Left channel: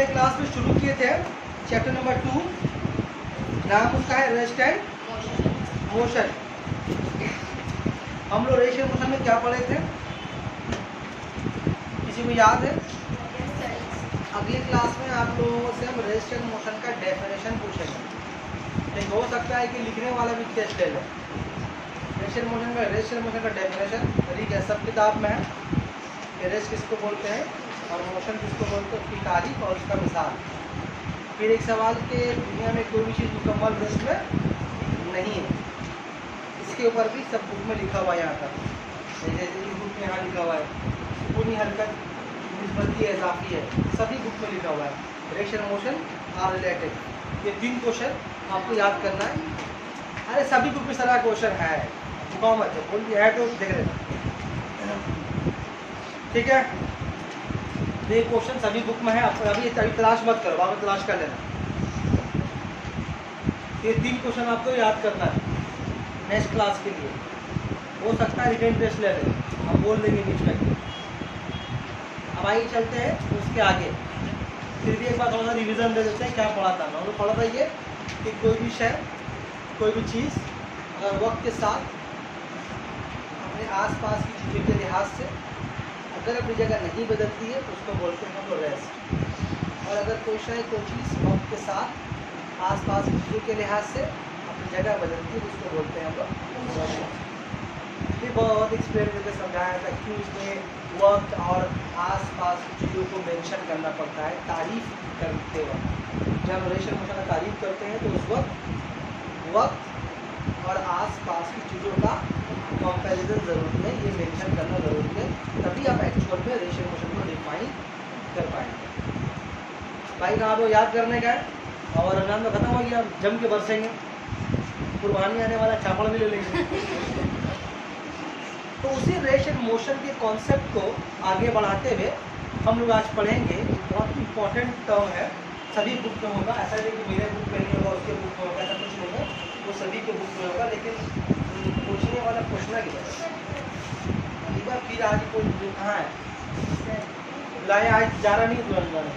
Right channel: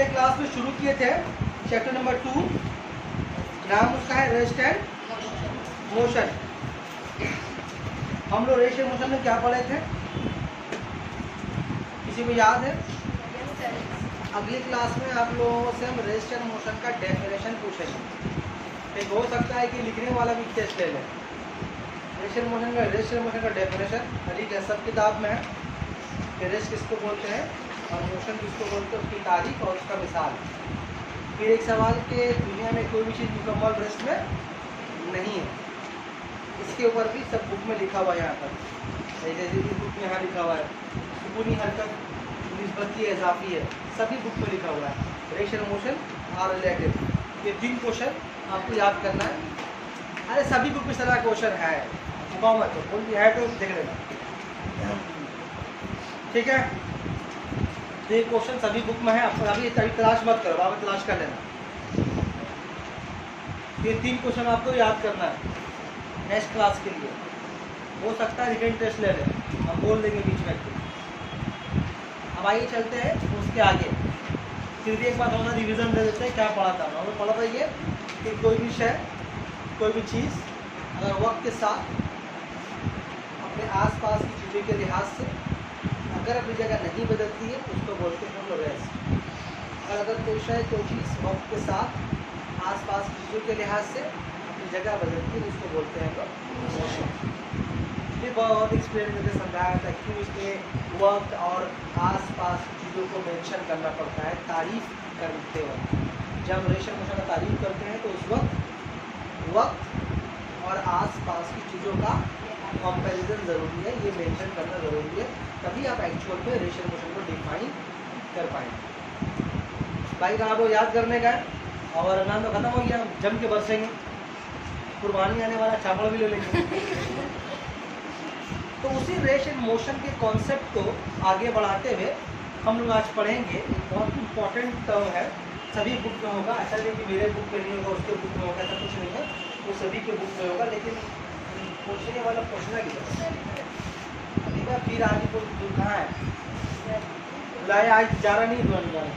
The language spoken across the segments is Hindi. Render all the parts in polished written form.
पिछले क्लास में शुरू किए थे चैप्टर नंबर 2, नाम उसका है रेस्ट एंड मोशन। हम लोग रेस्ट एंड मोशन में क्या पढ़े थे, किसी को याद है? अगली क्लास में आप लोगों से हम रेस्ट एंड मोशन का डेफिनेशन पूछेंगे। ठीक, हो सकता है कि लिखने वाला भी टेस्ट ले ले। रेस्ट एंड मोशन का डेफिनेशन हरी है, सब किताब में है कि रेस्ट किसको बोलते हैं और मोशन किसको बोलते हैं, उसकी तारीफ और उसका मिसाल। फिर एक सवाल के दुनिया में कोई भी चीज़ मुकम्मल रेस्ट में नहीं है, इसके ऊपर भी सब बुक में लिखा हुआ है। यहाँ पर जैसे इस बुक में यहाँ लिखा हुआ है सुकूनी हरकत निस्बती है, इजाफी है, सभी बुक में लिखा हुआ है। Rest and motion are related. ये 3 क्वेश्चन आपको याद करना है। अरे सभी बुक में सारा क्वेश्चन है, चुकाओ मत तो बोल दिया है तो देख लेना। ठीक है, तो ये क्वेश्चन सभी बुक में है, आपको अभी तलाश मत करो, बाद में तलाश कर लेना। ये 3 क्वेश्चन आपको याद करना है नेक्स्ट क्लास के लिए। हो सकता है रिटन टेस्ट ले लें, हम बोल देंगे बीच में। अब आइए चलते हैं उसके आगे, फिर भी एक बार थोड़ा सा रिविजन दे देते हैं क्या पढ़ा था। हम लोग पढ़ा था ये कि कोई भी शय, कोई भी चीज़ अगर वक्त के साथ अपने आसपास की चीज़ों के लिहाज से अगर अपनी जगह नहीं बदलती है तो उसको बोलते हैं हम लोग रेस्ट। और अगर कोई शय, कोई चीज़ वक्त के साथ आसपास की चीज़ों के लिहाज से अपनी जगह बदलती है तो उसको बोलते हैं हम लोग मोशन। फिर बहुत एक्सप्लेन करके समझाया था क्यों इसमें वक्त और आसपास की चीज़ों को मेंशन करना पड़ता है तारीफ करते वक्त। जब हम रेस्ट एंड मोशन का तारीफ करते हैं तो उस वक्त और आसपास की चीज़ों का कंपैरिजन ज़रूरी है, ये मेंशन करना ज़रूरी है, तभी आप एक्चुअल में रेस्ट एंड मोशन को डिफाइन कर पाएंगे। भाई कहाँ तो याद करने का है और नाम तो ख़त्म हो गया, जम के बरसेंगे, कुर्बानी आने वाला चावल भी ले लेंगे। तो उसी रेस्ट एंड मोशन के कॉन्सेप्ट को आगे बढ़ाते हुए हम लोग आज पढ़ेंगे। एक बहुत इंपॉर्टेंट टर्म है, सभी बुक में होगा, ऐसा नहीं कि मेरे बुक में नहीं होगा उसके बुक में होगा, ऐसा कुछ नहीं है, वो सभी के बुक में होगा। लेकिन पूछने वाला पूछना नहीं है। फिर आगे तो कहाँ है लाए, आज जा रहा नहीं दुकान।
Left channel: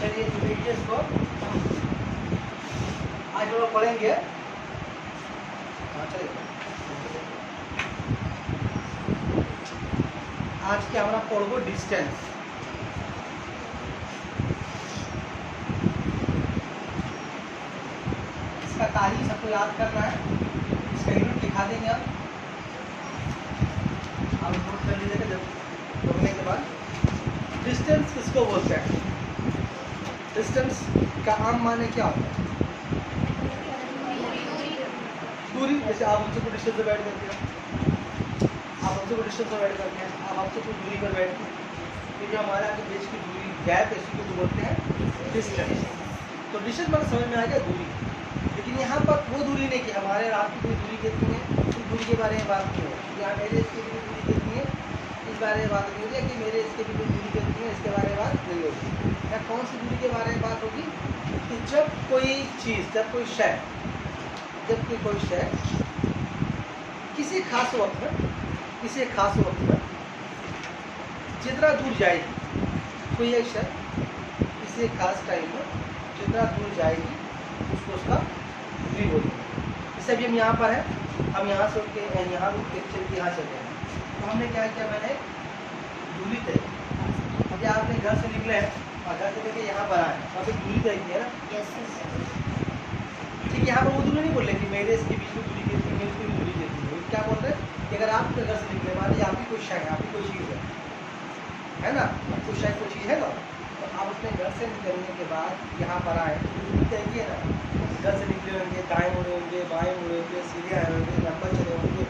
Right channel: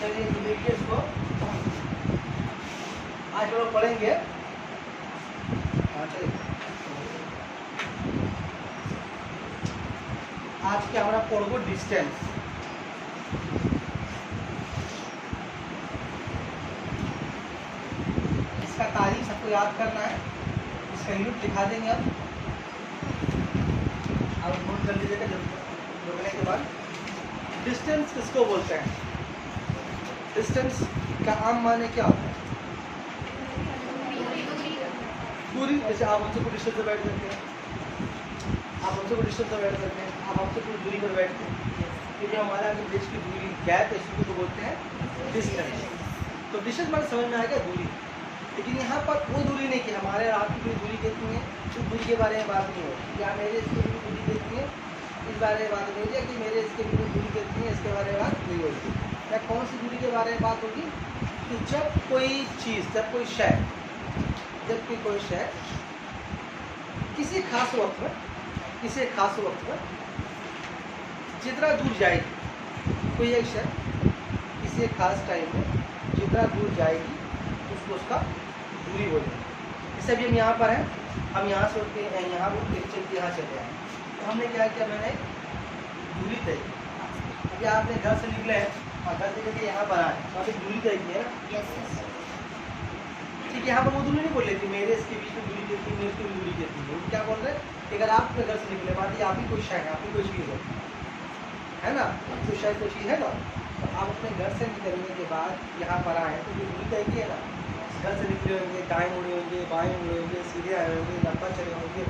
चलिए को आज लोग पढ़ेंगे। आज के हमारा पढ़ो डिस्टेंस। इसका तारीख सबको याद करना है, इसका यूनिट दिखा देंगे अब नोट कर लीजिएगा। लिखने के बाद डिस्टेंस किसको बोलते हैं? डिस्टेंस का आम माने क्या होता है? दूरी। जैसे आप हमसे कोई डिस्टेंस पर बैठ करके आप हमसे कोई डिस्टेंस पर बैठ करके आप हमसे कोई दूरी पर बैठते हैं, तो जो हमारा बीच की दूरी गैप है इसी को बोलते हैं डिस्टेंस। तो डिस्टेंस मतलब समझ में आ गया दूरी। लेकिन यहाँ पर वो दूरी नहीं कि हमारे रात की कोई दूरी कितनी है, उस दूरी के बारे में बात नहीं है। या मेरे इसकी भी दूरी कितनी है इस बारे में बात नहीं होगी, कि मेरे इसके भी दूरी कितनी है इसके बारे में बात नहीं होगी। या कौन सी दूरी के बारे में बात होगी कि जब कोई चीज़, जब कोई शय किसी खास वक्त में जितना दूर जाएगी, कोई एक शय किसी एक खास टाइम में जितना दूर जाएगी उसको उसका दूरी बोलेंगे। जैसे अभी हम यहाँ पर हैं, हम यहाँ से उठ के यहाँ यहाँ चले हैं, तो हमने क्या किया, मैंने दूरी तय की। अभी आपने घर से निकले हैं और घर से निकल के यहाँ पर आए, तो आप एक दूरी तय की है ना। ठीक, यहाँ पर वो दूरी नहीं बोल रही थी मेरे इसके बीच में दूरी देती है, मेरे इसकी दूरी देती है। क्या बोल रहे हैं कि अगर आप अपने घर से निकले, मान लीजिए आप ही कुछ शय है, आपकी कोई चीज़ है ना, कुछ शय कोई चीज़ है ना, तो आप अपने घर से निकलने के बाद यहाँ पर आए तो दूरी तय की है ना। घर से निकले होंगे, दाएँ मुड़े होंगे, बाएँ मुड़े होंगे, सीधे आए होंगे, लंबा चले होंगे,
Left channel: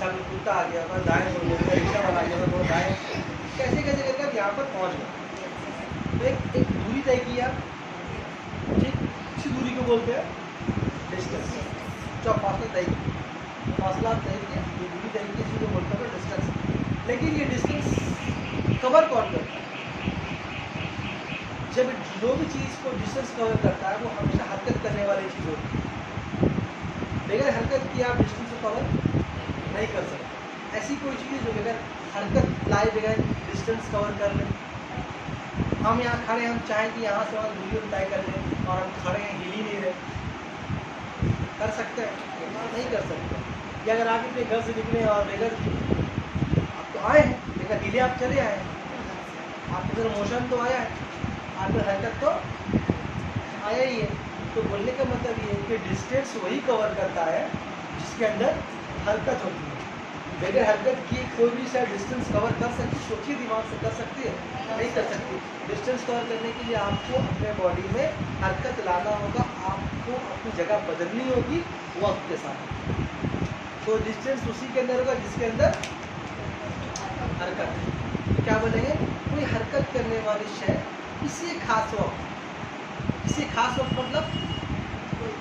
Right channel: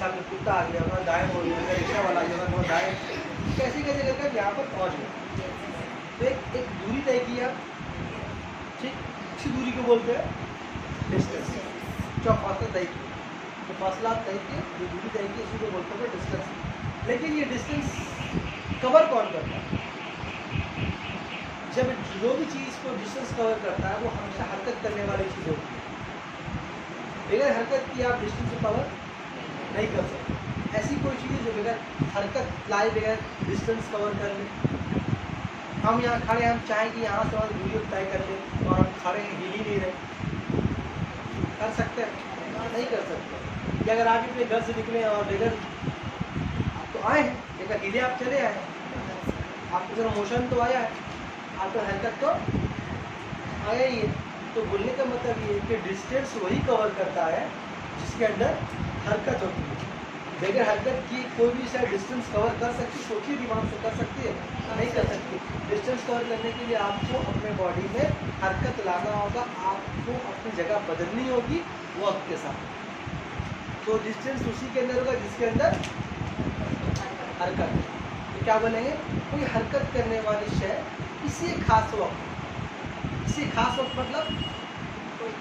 सामने कुत्ता आ गया होगा, दाएँ मुड़ गया, रिक्शा वाला आ गया होगा, दाएँ, कैसे कैसे करके यहाँ पर पहुँच गए। तो एक दूरी तय किया, ठीक, उसी दूरी को बोलते हैं डिस्टेंस। जब फासला तय किया, तो फासला तय किया, ये दूरी तय की, इसी को बोलते हैं डिस्टेंस। लेकिन ये डिस्टेंस कवर कौन करता है? जब जो भी चीज़ को डिस्टेंस कवर करता है वो हमेशा हरकत करने वाली चीज़ होती है। बगैर हरकत की आप डिस्टेंस को कवर नहीं कर सकते। ऐसी कोई चीज़ जो बगैर हरकत लाए बगैर डिस्टेंस कवर कर ले। हम यहाँ खड़े, हम चाहें कि यहाँ से और दूरी तय कर लें और हम खड़े हैं, हिल ही नहीं रहे, कर सकते हैं? नहीं कर सकते। या अगर आप अपने घर से निकले और बगैर आप तो आए हैं लेकिन हिले आप चले आए हैं, आपके जरा मोशन तो आया है, आपका हरकत तो आया ही है। तो बोलने का मतलब ये है कि डिस्टेंस वही कवर करता है जिसके अंदर हरकत होती है। बगैर हरकत की कोई भी शायद डिस्टेंस कवर कर सकती, सोचिए दिमाग से कर सकती है? नहीं कर सकती। डिस्टेंस कवर करने के लिए आपको अपने बॉडी में हरकत लाना होगा, आपको अपनी जगह बदलनी होगी वक्त के साथ। तो डिस्टेंस उसी के अंदर होगा जिसके अंदर हरकत। क्या बनेंगे? कोई हरकत करने वाली शय किसी खास वक्त, किसी खास वक्त मतलब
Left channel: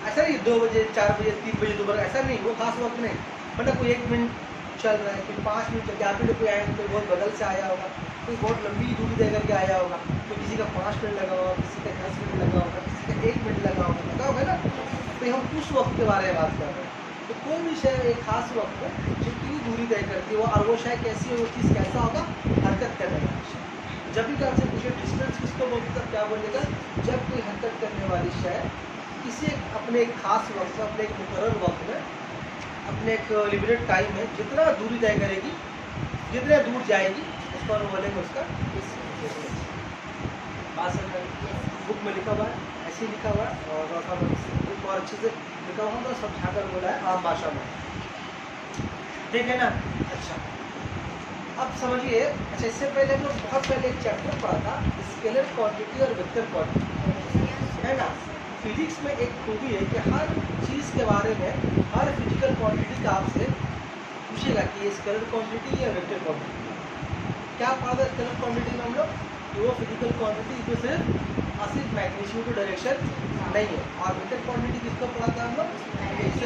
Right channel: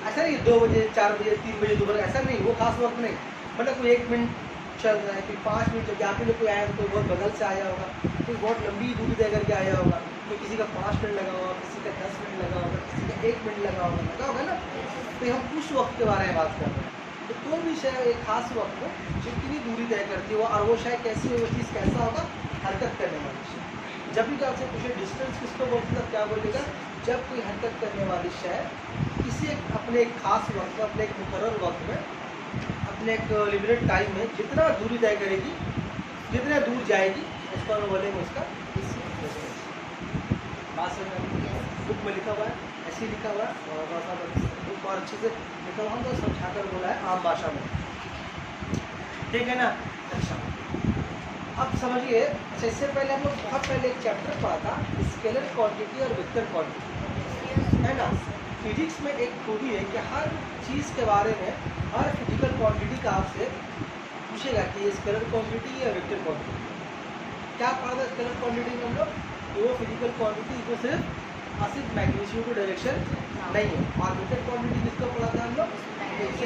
ऐसा नहीं 2 बजे 4 बजे 3 बजे दोपहर, ऐसा नहीं, वो खास वक्त नहीं। मतलब कोई 1 मिनट चल रहा है, फिर 5 मिनट जब आप लोग कोई आए तो बहुत बगल से आया होगा, कोई बहुत लंबी दूरी तय करके आया होगा, तो किसी का 5 मिनट लगा होगा, किसी का 10 मिनट लगा होगा, किसी का 1 मिनट लगा होगा ना। तो हम उस वक्त के बारे में बात कर रहे हैं। तो कोई भी शय एक खास वक्त में जितनी दूरी तय करती हो और वो शय कैसी हो, वो चीज़ कैसा होगा, हरकत करने वाली शय। जब भी आपसे पूछे डिस्टेंस किसको बोलते हैं, क्या बोलेगा? जब कोई हरकत करने वाली शय किसी अपने एक खास वक्त में, अपने एक मुकर्रर वक्त में, अपने एक लिमिटेड टाइम में जितना दूरी तय करेगी, जितना दूर जाएगी, उसको हम बोलेंगे उसका डिस्टेंस। बात समझ में? बुक में लिखा हुआ है, ऐसे ही लिखा हुआ है और थोड़ा सा बुक और अच्छे से लिखा हुआ तो समझा कर बोला है आम भाषा में, ठीक है ना? अच्छा, अब समझिए। अच्छा, इससे पहले हम लोग बहुत पहले एक चैप्टर पढ़ा था, स्केलर क्वांटिटी और वेक्टर क्वांटिटी, है ना? फिजिक्स में एक खूबी है कि हर चीज़ के बारे में, हर फिजिकल क्वांटिटी का आपसे पूछेगा कि ये स्केलर क्वांटिटी या वेक्टर क्वांटिटी। क्या पढ़ा था स्केलर क्वांटिटी में हम लोग? वो फिजिकल क्वांटिटी इसमें सिर्फ मैग्नीट्यूड टू डायरेक्शन नहीं है। और वेक्टर क्वांटिटी किसको पढ़ा था हम लोग?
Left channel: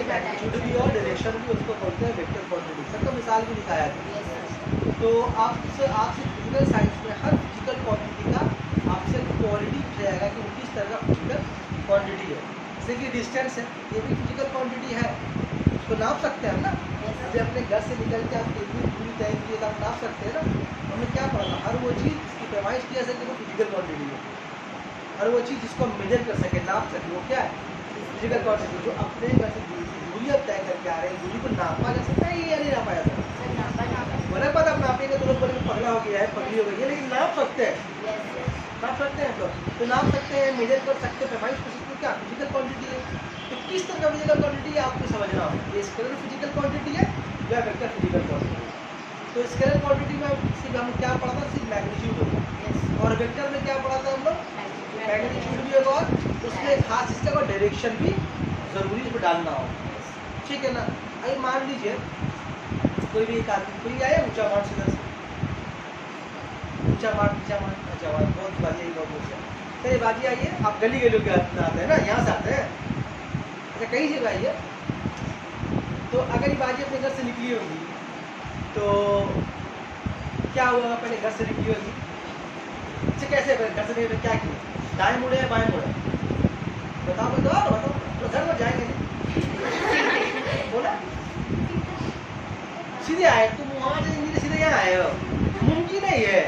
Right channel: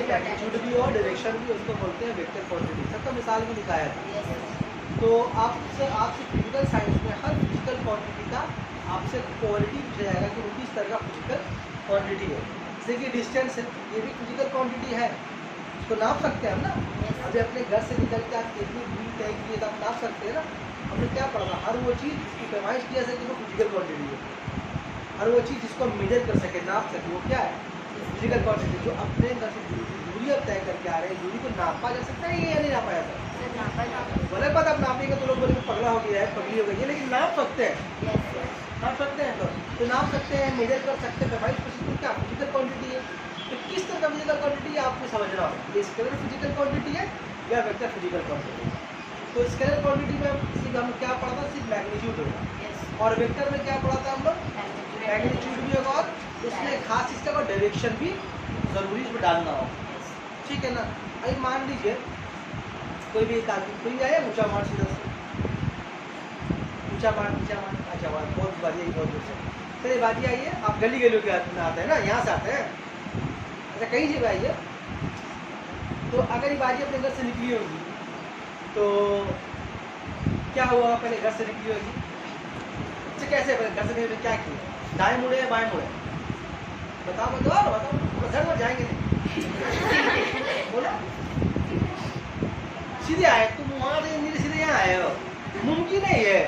मैग्नीट्यूड भी और डायरेक्शन भी, उसको बोलते हैं वेक्टर क्वांटिटी। सबका मिसाल भी दिखाया था। तो आपसे फिजिकल साइंस में हर फिजिकल क्वांटिटी का आपसे क्वालिटी पूछा जाएगा कि वो किस तरह का फिजिकल क्वांटिटी है। जैसे कि डिस्टेंस है, ये भी फिजिकल क्वांटिटी है, इसको नाप सकते हैं हम ना। अभी अपने घर से निकल के आप कितनी दूरी तय की है तो आप नाप सकते हैं ना। हमने क्या पढ़ा? हर वो चीज़ जिसकी पैमाइश किया जाए वो फिजिकल क्वांटिटी है। हर वो चीज़ जिसको मेजर कर सके, नाप सके, वो क्या है? Physical quantity. जो अपने घर से दूरी अब तय करके आ रहे हैं, दूरी को नापा जा सकता है या नहीं नापा जा सकता? बोले बात आप नापेंगे तो लोग बोलेंगे पगला हो गया है, पगली हो गई है, लेकिन नाप सकते हैं, नाप सकते हैं। तो नाप सकते हैं, मेजर कर सकते हैं, पैमाइश कर सकते हैं, क्या फिजिकल क्वांटिटी है। तो किस तरह का फिजिकल क्वांटिटी है आपको समझना होगा, ये स्केलर फिजिकल क्वांटिटी है या वेक्टर फिजिकल क्वांटिटी है। तो स्केलर क्वांटिटी में हम क्या पढ़ा था? सिर्फ मैग्नीट्यूड होगा। और वेक्टर में क्या पढ़ा था हम लोग? मैग्नीट्यूड भी होगा और उसमें खास चीज़ का डायरेक्शन भी जरूरी इसमें डालना होगा, ठीक है ना? अभी मान लीजिए कोई भी एक आदमी, कोई आया ऊंचा मान सीधा से, ऊंचा मान नीचा मान, अच्छा बहुत बाजी आई, बहुत दूर से कई बाजी आई है। आप गली गलियों के में आते हैं ना, यहाँ से आते हैं, अच्छा कई जगह आई है। तो अगर ये बाजी अपने घर से निकली होगी तो क्या हुआ? पहले घर से निकली होगी, अच्छा कैसे घर से निकले, क्या किए? दाएं मुड़े या बाएं मुड़े? बताओ बताओ बताओ, तो घर में जाएंगे नहीं बोला सीधे आए, तुम वहाँ से सीधे यहाँ आए हो, मुमकिन नहीं है।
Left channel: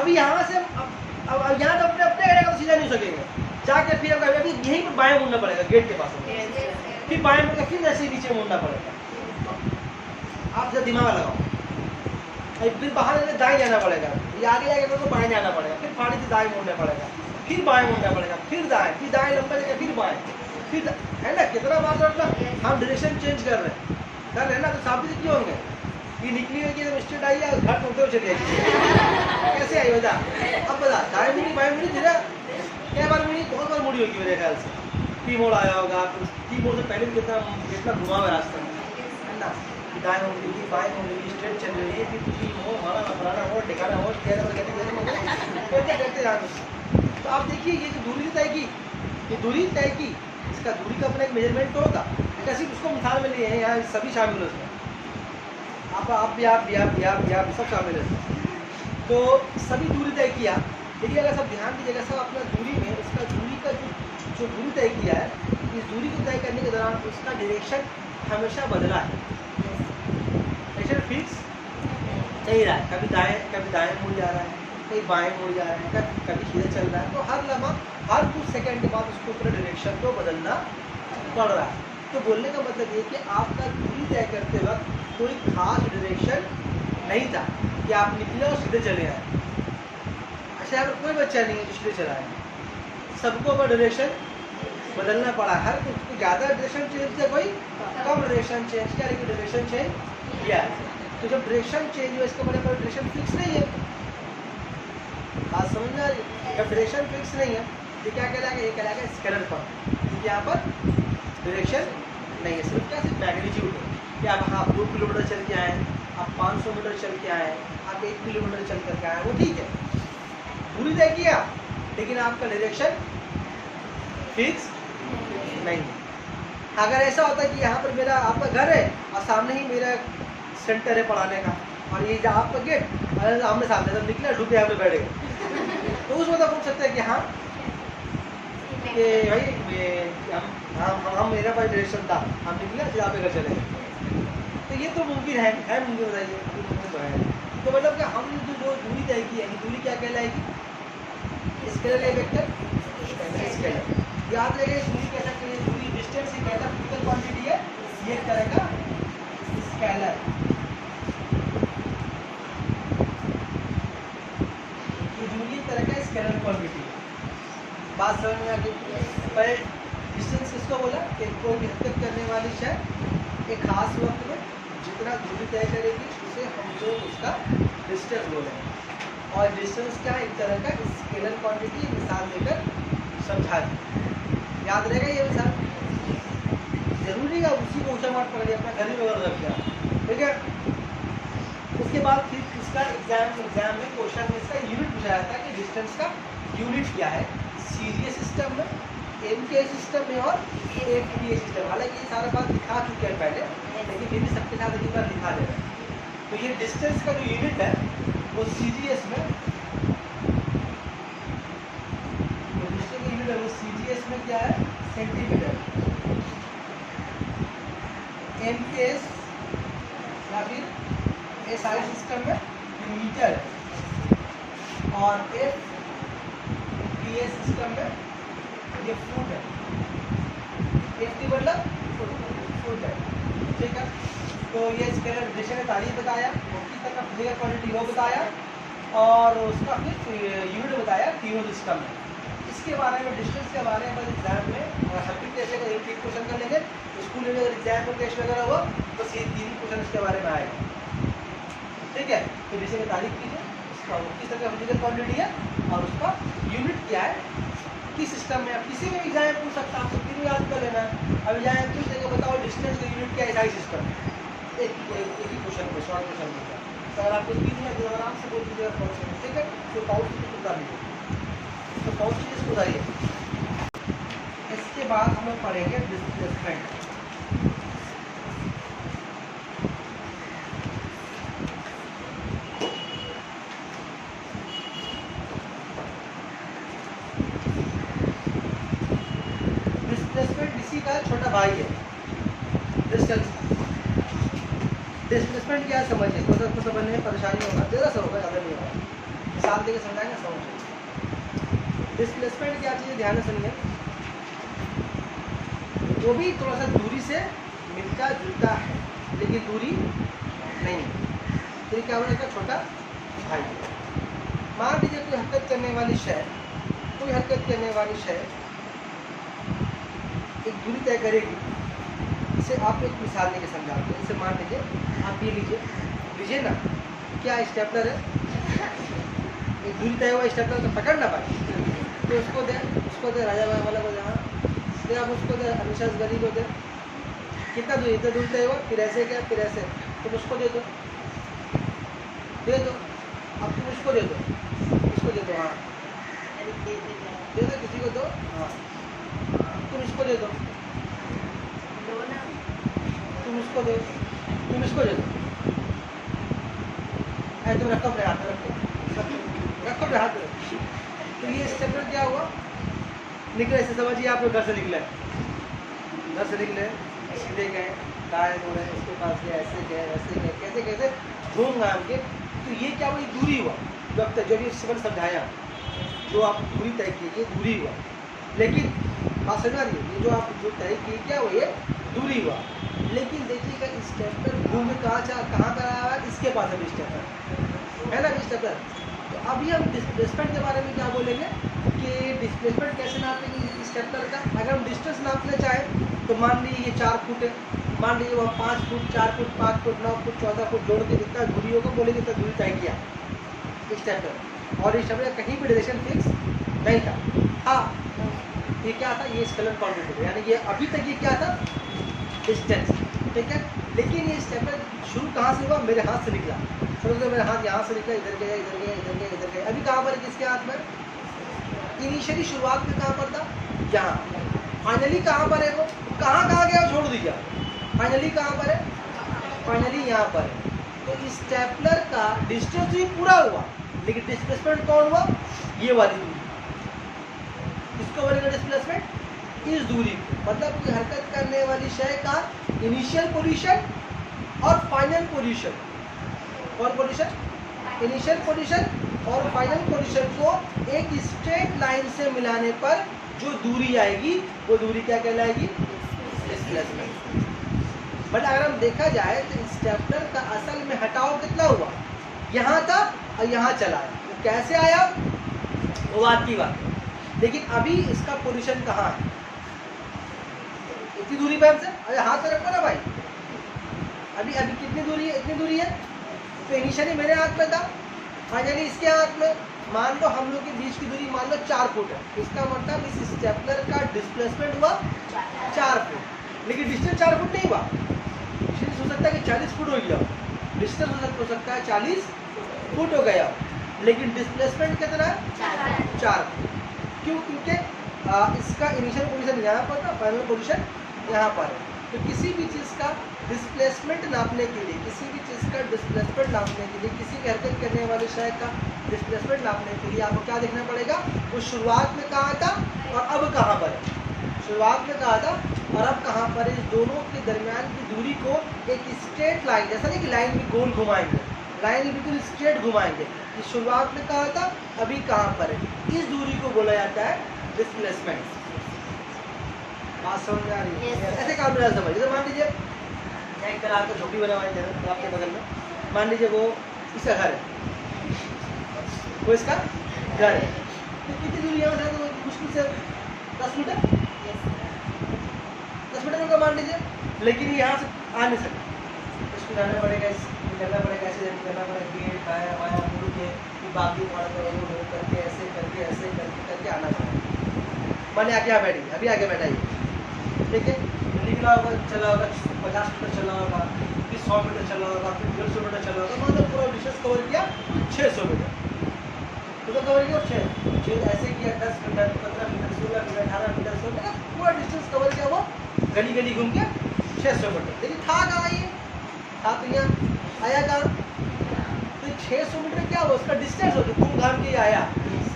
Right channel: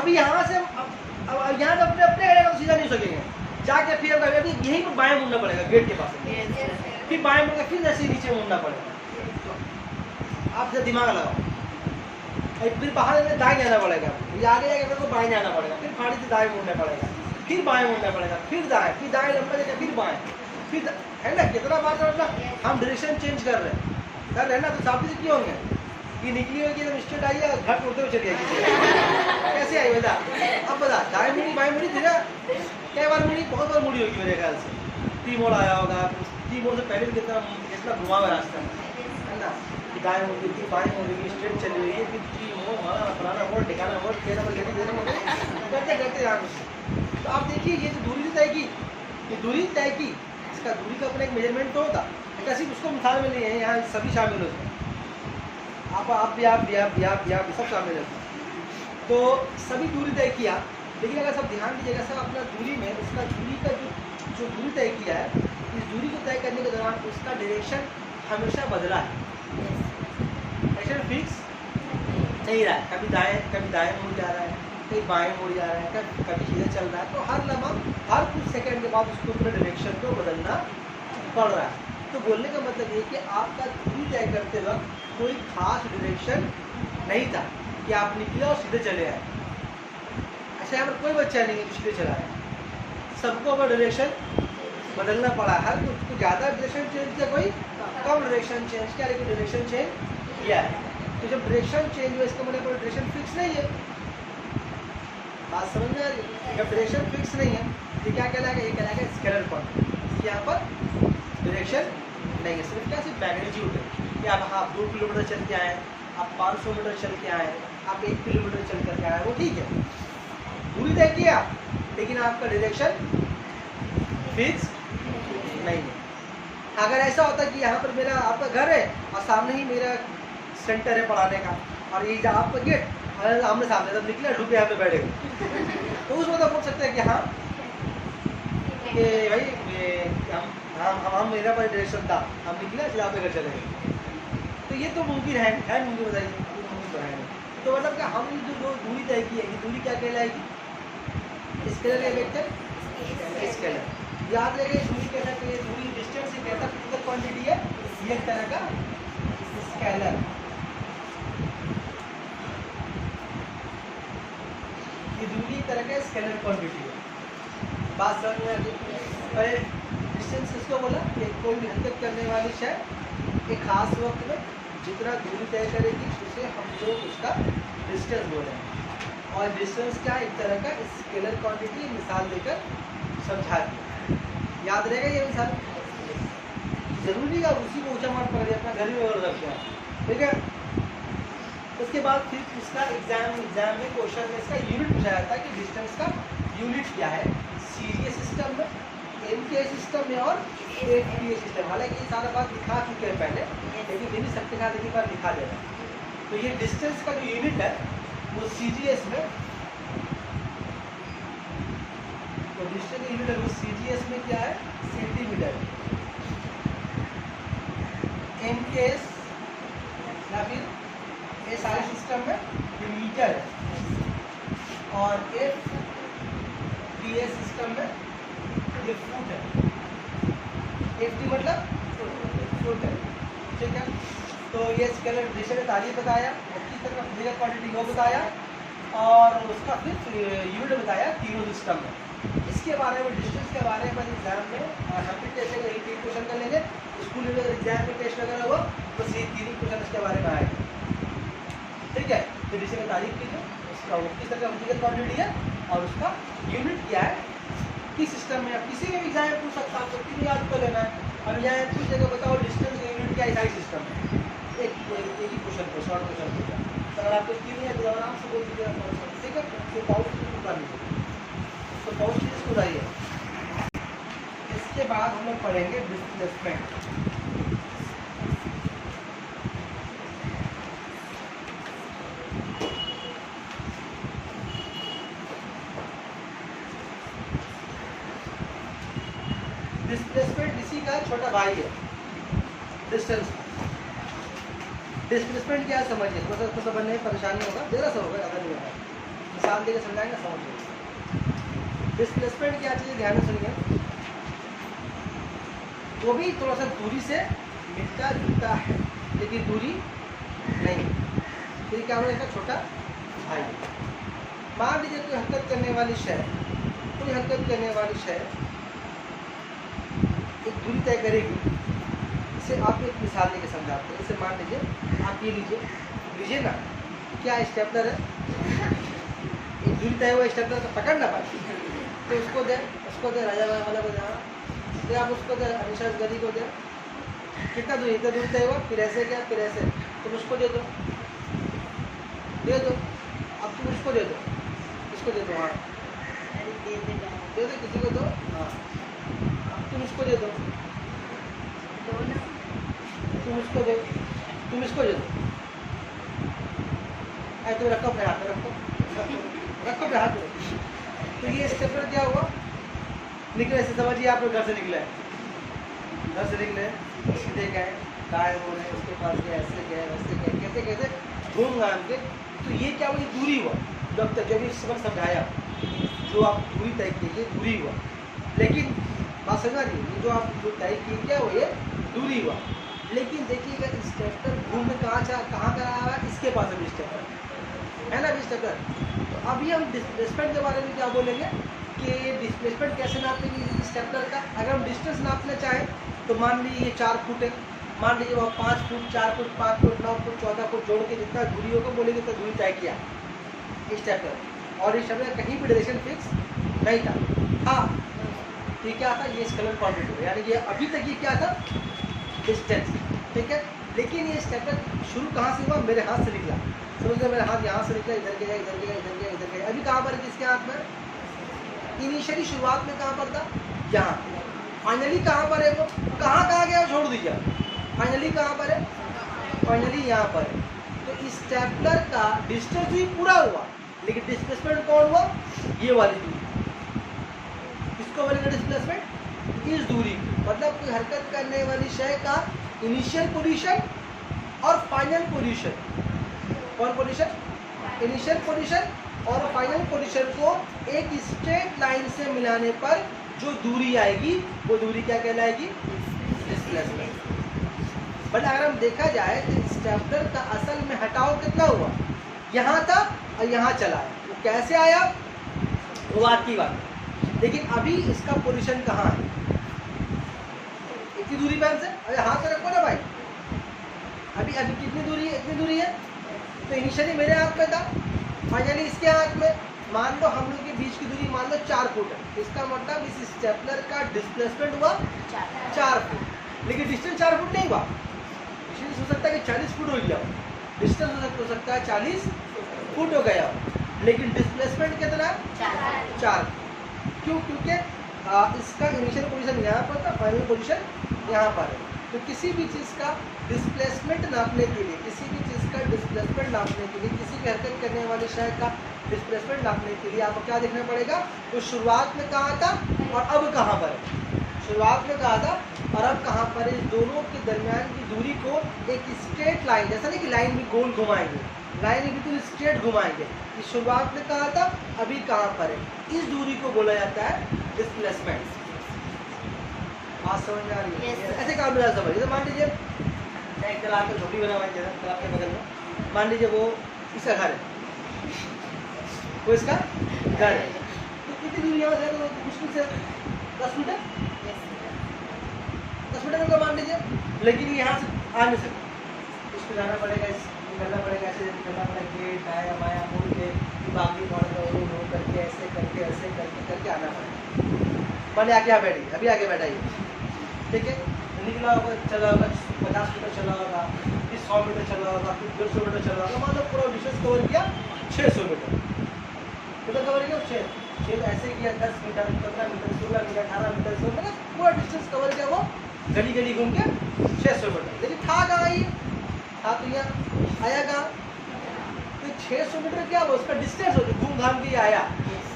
अभी यहाँ से अब यहाँ तो अपने अपने तो सीधा नहीं सकेंगे, जाके फिर अभी यहीं पर बाएं मुड़ना पड़ेगा, गेट के पास फिर बाएं मुड़कर फिर ऐसे नीचे मुड़ना पड़ेगा। आप जरा दिमाग लगाओ। फिर बाहर दाएं जाना पड़ेगा, ये आगे जाके तो बाएं जाना पड़ेगा, फिर फाड़ी से दाएं मुड़ना पड़ेगा, फिर बाएं मुड़ना पड़ेगा, फिर दाएं लंबा जाएगा, फिर बाएं, फिर है ना? कितना बात है, हम डायरेक्शन चेंज कर रहे हैं ना। तो साबित से क्यों होंगे? ये निकली हुई एकदम स्ट्रेट आई है, घर टूटते हुए चली आई, कैसे आई बता? अब बता, दाएं मुड़ी बाएं मुड़ी धीरे क्या बार मुड़ी? बहुत बार मुड़ी होगी मेरे ख्याल से। टी मोड़ आया होगा, टी मोड़ से पहले भी कितना घुमा हुआ रास्ता है ना। दाएं होगी थी, बाएं होगी, स्ट्रेट चली हुई है, फिर टी मोड़, मारा फलाना मोड़, ठिकाना मोड़, कहना करते करते यहाँ कुछ। तो आप देखिए, ये जो दूरी तय की, ये दूरी तय की, इसका दूरी का अपना एक मेजरमेंट तो होगा। ऐसा सिर्फ उसको मिसाल में नहीं है, यहाँ सभी शामिल है उसमें, आप भी सब शामिल है। तो सभी दूरी तय किया, लेकिन अगर सब ध्यान दीजिएगा, सब अपना दूरी में उसका दूरी का जो दूरी तय किया है, इस दूरी को तय करने के दौरान उसका डायरेक्शन हमेशा बदला है, डायरेक्शन फिक्स नहीं रहा है। कभी दाएं मुड़ जा रहा है, कहीं बाएं मुड़ जा रहा है, कभी सीधे चल रहा है। तो हर लम्हा, हर कुछ सेकंड के बाद उसको पूरे डायरेक्शन को बदलना पड़ रहा है। तो बोलने का मतलब ये कि आपका दूरी तय करते वक्त कोई खास डायरेक्शन नहीं था कि आप निकले और सीधे चले आए। अच्छा, यहाँ पर कोई बच्चा नहीं है जो सीधे चला है, सबको अगर डायरेक्शन बदलना पड़ा। हर कुछ ज़्यादा डायरेक्शन चेंज किया, कोई कम डायरेक्शन चेंज किया, लेकिन डायरेक्शन चेंज किया है। तो जब डायरेक्शन चेंज हुआ, इसका मतलब डायरेक्शन फिक्स नहीं है। बात समझ में आ रही है? जब डायरेक्शन फिक्स नहीं है ये क्या कहलाएगा? ये कहलाएगा स्केलर क्वांटिटी। यहाँ पर डायरेक्शन नहीं है, सिर्फ क्या, सिर्फ मैग्नीट्यूड है कि आप हाँ 2 किलोमीटर चल के आए, आप 500 मीटर चल के आए, आप 1 किलोमीटर चल कर के आए, वो ठीक है, दूरी तय किया, लेकिन आपका डायरेक्शन फिक्स नहीं है। अगर ऐसा होता कि यहाँ पर मेरा आपका घर है और सामने ही मेरा सेंटर है पढ़ाने का, और ये आपका गेट आमने सामने, तब निकला ढुक के यहाँ पे बैठेगा, तो उसमें तो बोल सकते हैं कि हाँ कि भाई हम मेरा पास डायरेक्शन था, हम निकले सीधा पे घर चले गए। तो ये तो मुमकिन है मुमकिन, बताइए मुमकिन तो है। तो मतलब कि हम जो दूरी तय की है, दूरी क्या कहलाएगी? स्केलर या वेक्टर? स्केलर। याद रखिए, दूरी कैसा चाहिए? दूरी डिस्टेंस एक ऐसा फिजिकल क्वांटिटी है, ये एक तरह का स्केलर। ये दूरी एक तरह का स्केलर क्वांटिटी है। बात समझ में आ गई? पहले डिस्टेंस किसको बोला? कि कोई भी हरकत करने वाली शय एक खास वक्त में जितना दूरी तय करेगी उसे हम लोग उसका डिस्टेंस बोले। और डिस्टेंस क्या? एक तरह का स्केलर क्वांटिटी। मिसाल देकर समझा दी, याद रहेगा ये मिसाल? जरूरी है उसी को ऊंचा मार्क पकड़िए, अपना घर ही में रख दिया, ठीक है। उसके बाद फिर इसका एग्जाम में क्वेश्चन में इसका यूनिट पूछा जाता है कि डिस्टेंस का यूनिट क्या है, सीजीएस सिस्टम में, एमके सिस्टम में और एटीपीए सिस्टम। हालांकि ये सारा बात लिखा चुके हैं पहले, लेकिन फिर भी सबके साथ एक बार लिखा दे रहा है। तो ये डिस्टेंस का जो यूनिट है वो सीजीएस में, तो डिस्टेंस यूनिट है वो सीजीएस में क्या है? सेंटीमीटर। एमकेएस या फिर एसआई सिस्टम में मीटर है, और एफटीए सिस्टम में ये फुट है। एफटी मतलब फुट है, ठीक है। तो ये स्केलर डिस्टेंस ने तारीफ बताया, किस तरह फिजिकल क्वांटिटी वो बताया, और उसका फिर यूनिट बताया तीनों सिस्टम में। इसके बारे में, डिस्टेंस के बारे में एग्जाम में सब्जेक्ट कैसे का एक क्वेश्चन कर लेंगे, स्कूल में एग्जाम में टेस्ट वगैरह हो तो ये 3 क्वेश्चन इसके बारे में आएगा, ठीक है। तो डिस्टेंस की तारीफ कीजिए, उसका किस तरह का फिजिकल क्वांटिटी है और उसका यूनिट क्या है, किस सिस्टम में। किसी भी एग्जाम पूछ सकता है, आपको 3 याद कर लेना है। अब यहाँ पूछ देगा बताओ डिस्टेंस का यूनिट क्या है एसआई सिस्टम में, एक ही क्वेश्चन पे, शॉर्ट क्वेश्चन पूछा, तो अगर आपको 3 है तो आराम से बोल दीजिएगा, ठीक है। तो पाउच की उतार लीजिए, तो पाउच की उतारिए। इसके बाद हम लोग पढ़ेंगे डिस्प्लेसमेंट। डिस्प्लेसमेंट इसी का छोटा भाई है डिस्टेंस। डिस्प्लेसमेंट क्या समझिए, थोड़ा सा समझने में परेशानी होगा, जरा सा होगा, ज़्यादा नहीं होगा, मिसाल देकर समझाएंगे, समझिए। डिस्प्लेसमेंट क्या चीज़ है, ध्यान से सुनिए। वो भी थोड़ा सा दूरी से मिलता जुलता है, लेकिन दूरी नहीं है। फिर क्या होगा? इसका छोटा भाई। मान लीजिए कोई हरकत करने वाली शय, कोई हरकत करने वाली शय एक दूरी तय करेगी। इसे आप एक मिसाल लेके समझाते हैं। जैसे मान लीजिए आप ये लीजिए ना, क्या स्टेपलर है, एक दूरी तय हुआ स्टेपलर तो पकड़ ना पाए, तो उसको दे राजा वाला को दे, फिर आप उसको दे अनिशा गरी को दे। कितना दूरी तय हुआ, फिर ऐसे क्या, फिर ऐसे, तुम उसको दे दो, अब तुम उसको दे दो, इसको दे दो, हाँ दे दो, किसी को दो, हाँ तुम इसको दे दो, तुम इसको दो, तुम इसको दे दो, तुम रखो अपने हाथ में, रखो अपने हाथ में, तो ये स्टेपलर क्या हुआ, निकले ऐसे समझिए आप लोग घर से निकले, घर से निकले सीधे गए, दाएं मुड़े, उसके पास गए, ऐसे गए, वैसे गए, कैसे कैसे घूम घाम के, तो ये क्या हुआ, ये दूरी हुआ। जो अब तक जो भी सिंबल समझाया, जो आप दूरी तय की ये दूरी हुआ। लेकिन बात समझ आ रही है, ये जो आप जो तय की क्या हुआ, ये दूरी हुआ। लेकिन देखिएगा स्टेपलर घूम के कहाँ कर रहा है, इसके पास अभी स्टेपलर है ना, अभी स्टेपलर। तो अभी हम डिस्प्लेसमेंट के बारे में क्या बोलेंगे कि डिस्प्लेसमेंट कैसे नापेंगे स्टेपलर का। अगर हम डिस्टेंस नापना चाहें तो मान लीजिए ये 4 फुट है, मान लीजिए वह 5 foot, 4 foot, 5 foot, 9 foot, 14 foot जोड़ के जितना दूरी होगा बोलेंगे इतना दूरी तय किया स्टेपलर। और इस स्टेपलर कहीं भी डायरेक्शन फिक्स नहीं था। ये क्या था, ये स्केलर क्वांटिटी, यानी कि अभी तक ये क्या था, डिस्टेंस, ठीक है। लेकिन ये स्टेपलर शुरू कहाँ से हुआ, मेरे हाथ से निकला, समझो मेरा हाथ यहाँ से निकला, इधर गया, इधर गया, इधर गया, इधर गया। अभी कहाँ पर है, किसके हाथ में, इनिशियली शुरुआत में कहाँ पर था, यहाँ। फाइनली कहाँ पर है, वो कहाँ गया, छोड़ दीजिए। फाइनली कहाँ पर है, फाइनली यहाँ पर है। तो स्टेपलर का डिस्टेंस भी पूरा हुआ, लेकिन डिस्प्लेसमेंट कौन हुआ, ये वाली दूरी। किसको बोलेंगे डिस्प्लेसमेंट, इस दूरी को। मतलब कोई हरकत करने वाली शय का इनिशियल पोजीशन और फाइनल पोजीशन, कौन पोजीशन, इनिशियल पोजीशन और फाइनल पोजीशन को एक स्ट्रेट लाइन से मिलाने पर जो दूरी आएगी वो दूरी क्या कहलाएगी, डिस्प्लेसमेंट। बट अगर हम देखा जाए तो स्टेपलर का असल में हटाव कितना हुआ, यहाँ था और यहाँ चला आया। तो कैसे आया वो बात की बात है। लेकिन अभी इसका पोजीशन कहाँ है, इतनी दूरी पे हमसे, अरे हाथ पे रखो ना भाई, अभी कितनी दूरी है, इतनी दूरी है। तो इनिशियली मेरे हाथ में था, फाइनली इसके हाथ में। मान लो हम लोग के बीच की दूरी मान लो 4 फुट है, इसका मतलब इस स्टेपलर का डिस्प्लेसमेंट हुआ 4 फुट। लेकिन डिस्टेंस 4 फुट नहीं हुआ, डिस्टेंस हो सकता है कि 40 फुट हो गया हो, डिस्टेंस हो सकता है 40 फुट हो गया हो, लेकिन डिस्प्लेसमेंट कितना है, 4 फुट। क्यों, क्योंकि इसका इनिशियल पोजीशन यहाँ पर था, फाइनल पोजीशन यहाँ पर है। तो किसी भी चीज़ का डिस्प्लेसमेंट नापने के लिए, किसी भी चीज़ का डिस्प्लेसमेंट नापने के लिए, किसी भी हरकत करने वाले शय का डिस्प्लेसमेंट नापने के लिए आपको क्या देखना पड़ेगा, वो शुरुआत में कहाँ था और अब कहाँ पर है। शुरुआत में कहाँ था और अब कहाँ पर है, इस दोनों के दरमियान की दूरी को एक स्ट्रेट लाइन, जैसा नहीं कि लाइन भी गोल घुमाएंगे, लाइन बिल्कुल स्ट्रेट घुमाएंगे। इस शुरुआत में कहाँ था, अभी कहाँ पर है, इस दूरी को बोला जाता है डिस्प्लेसमेंट। बात समझ आ रही है, ऐसे काम में समझ। जैसे मान लीजिए एक तालाब का झोपड़ी बना हुआ है तालाब के बगल में, मान लीजिए वो इसका घर है, वो इसका घर है, तो कितनी दूरी यहाँ से, तो मुश्किल से 10 मीटर, 10 मीटर का मान लीजिए। लेकिन यहाँ से आ नहीं सकता, इसको जाना पड़ेगा, करना पड़ेगा, ऐसे करना पड़ेगा, गेट दाया बाया मुड़ के बाकी मोड़ करके ऐसे करके आना पड़ेगा। मान लिया आगे आ बैठी, अभी आगे बैठा ये, ठीक है, निकला होगा, चला होगा 50 मीटर चला होगा, फिर 100 मीटर चला होगा, फिर 150 मीटर चला होगा, मतलब पूरा डिस्टेंस कवर किया 600 मीटर, कवर किया 6 ऐसे किया 10 metre, 15 metre, 16 metre, 18 metre, 16 metre, पूरा डिस्टेंस कवर किया, वो गली गली घूम के 600 मीटर। लेकिन था कहाँ ये, था तो यहाँ आया कहाँ, तो 600 मीटर क्या हुआ, उसका डिस्टेंस हो गया, घूम घाम के आया।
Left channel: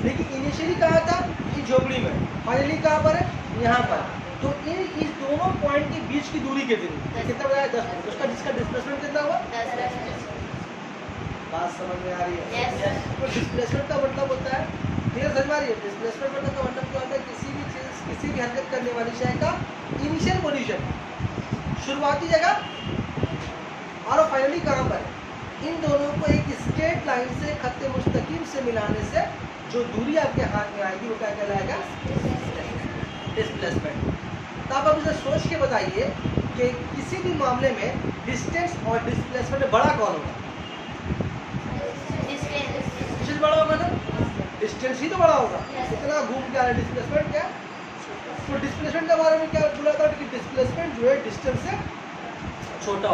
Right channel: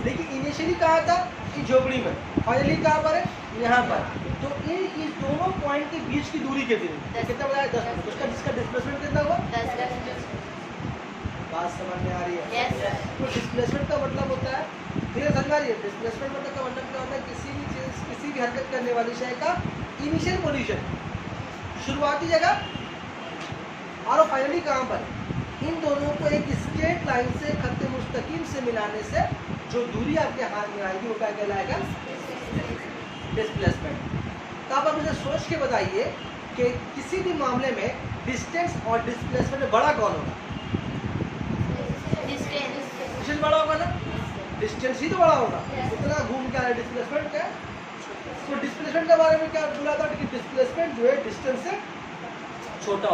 लेकिन इनिशियली कहाँ था, कि झोपड़ी में, फाइनली कहाँ पर है, यहाँ पर। तो इस दोनों पॉइंट के बीच की दूरी कितनी, कितना बताया, 10 मीटर। उसका जिसका डिस्प्लेसमेंट कितना हुआ, 10। बात समझ में आ रही है। तो डिस्प्लेसमेंट का मतलब होता है, क्लियर समझ में आ रही है, डिस्प्लेसमेंट मतलब का मतलब क्या होता है, किसी भी चीज, किसी भी हरकत करने वाली शय का इनिशियल पोजीशन, शुरुआती जगह और फाइनली कहाँ पर है, इन दोनों को एक स्ट्रेट लाइन से खत्ते मुस्तकीम से मिलाने से जो दूरी आपके हाथ में आएगी वो क्या कहलाएगा, डिस्प्लेसमेंट। तो आप अब इसे सोच के बताइए कि किसी भी मामले में डिस्टेंस और डिस्प्लेसमेंट में बड़ा कौन होगा, डिस्टेंस बड़ा होगा ना, डिस्टेंस ही तो बड़ा होगा, इतना घूम के आ रहा है, डिस्प्लेसमेंट क्या। तो डिस्प्लेसमेंट के बारे में क्या बोला था कि डिस्प्लेसमेंट जो है डिस्टेंस से छोटा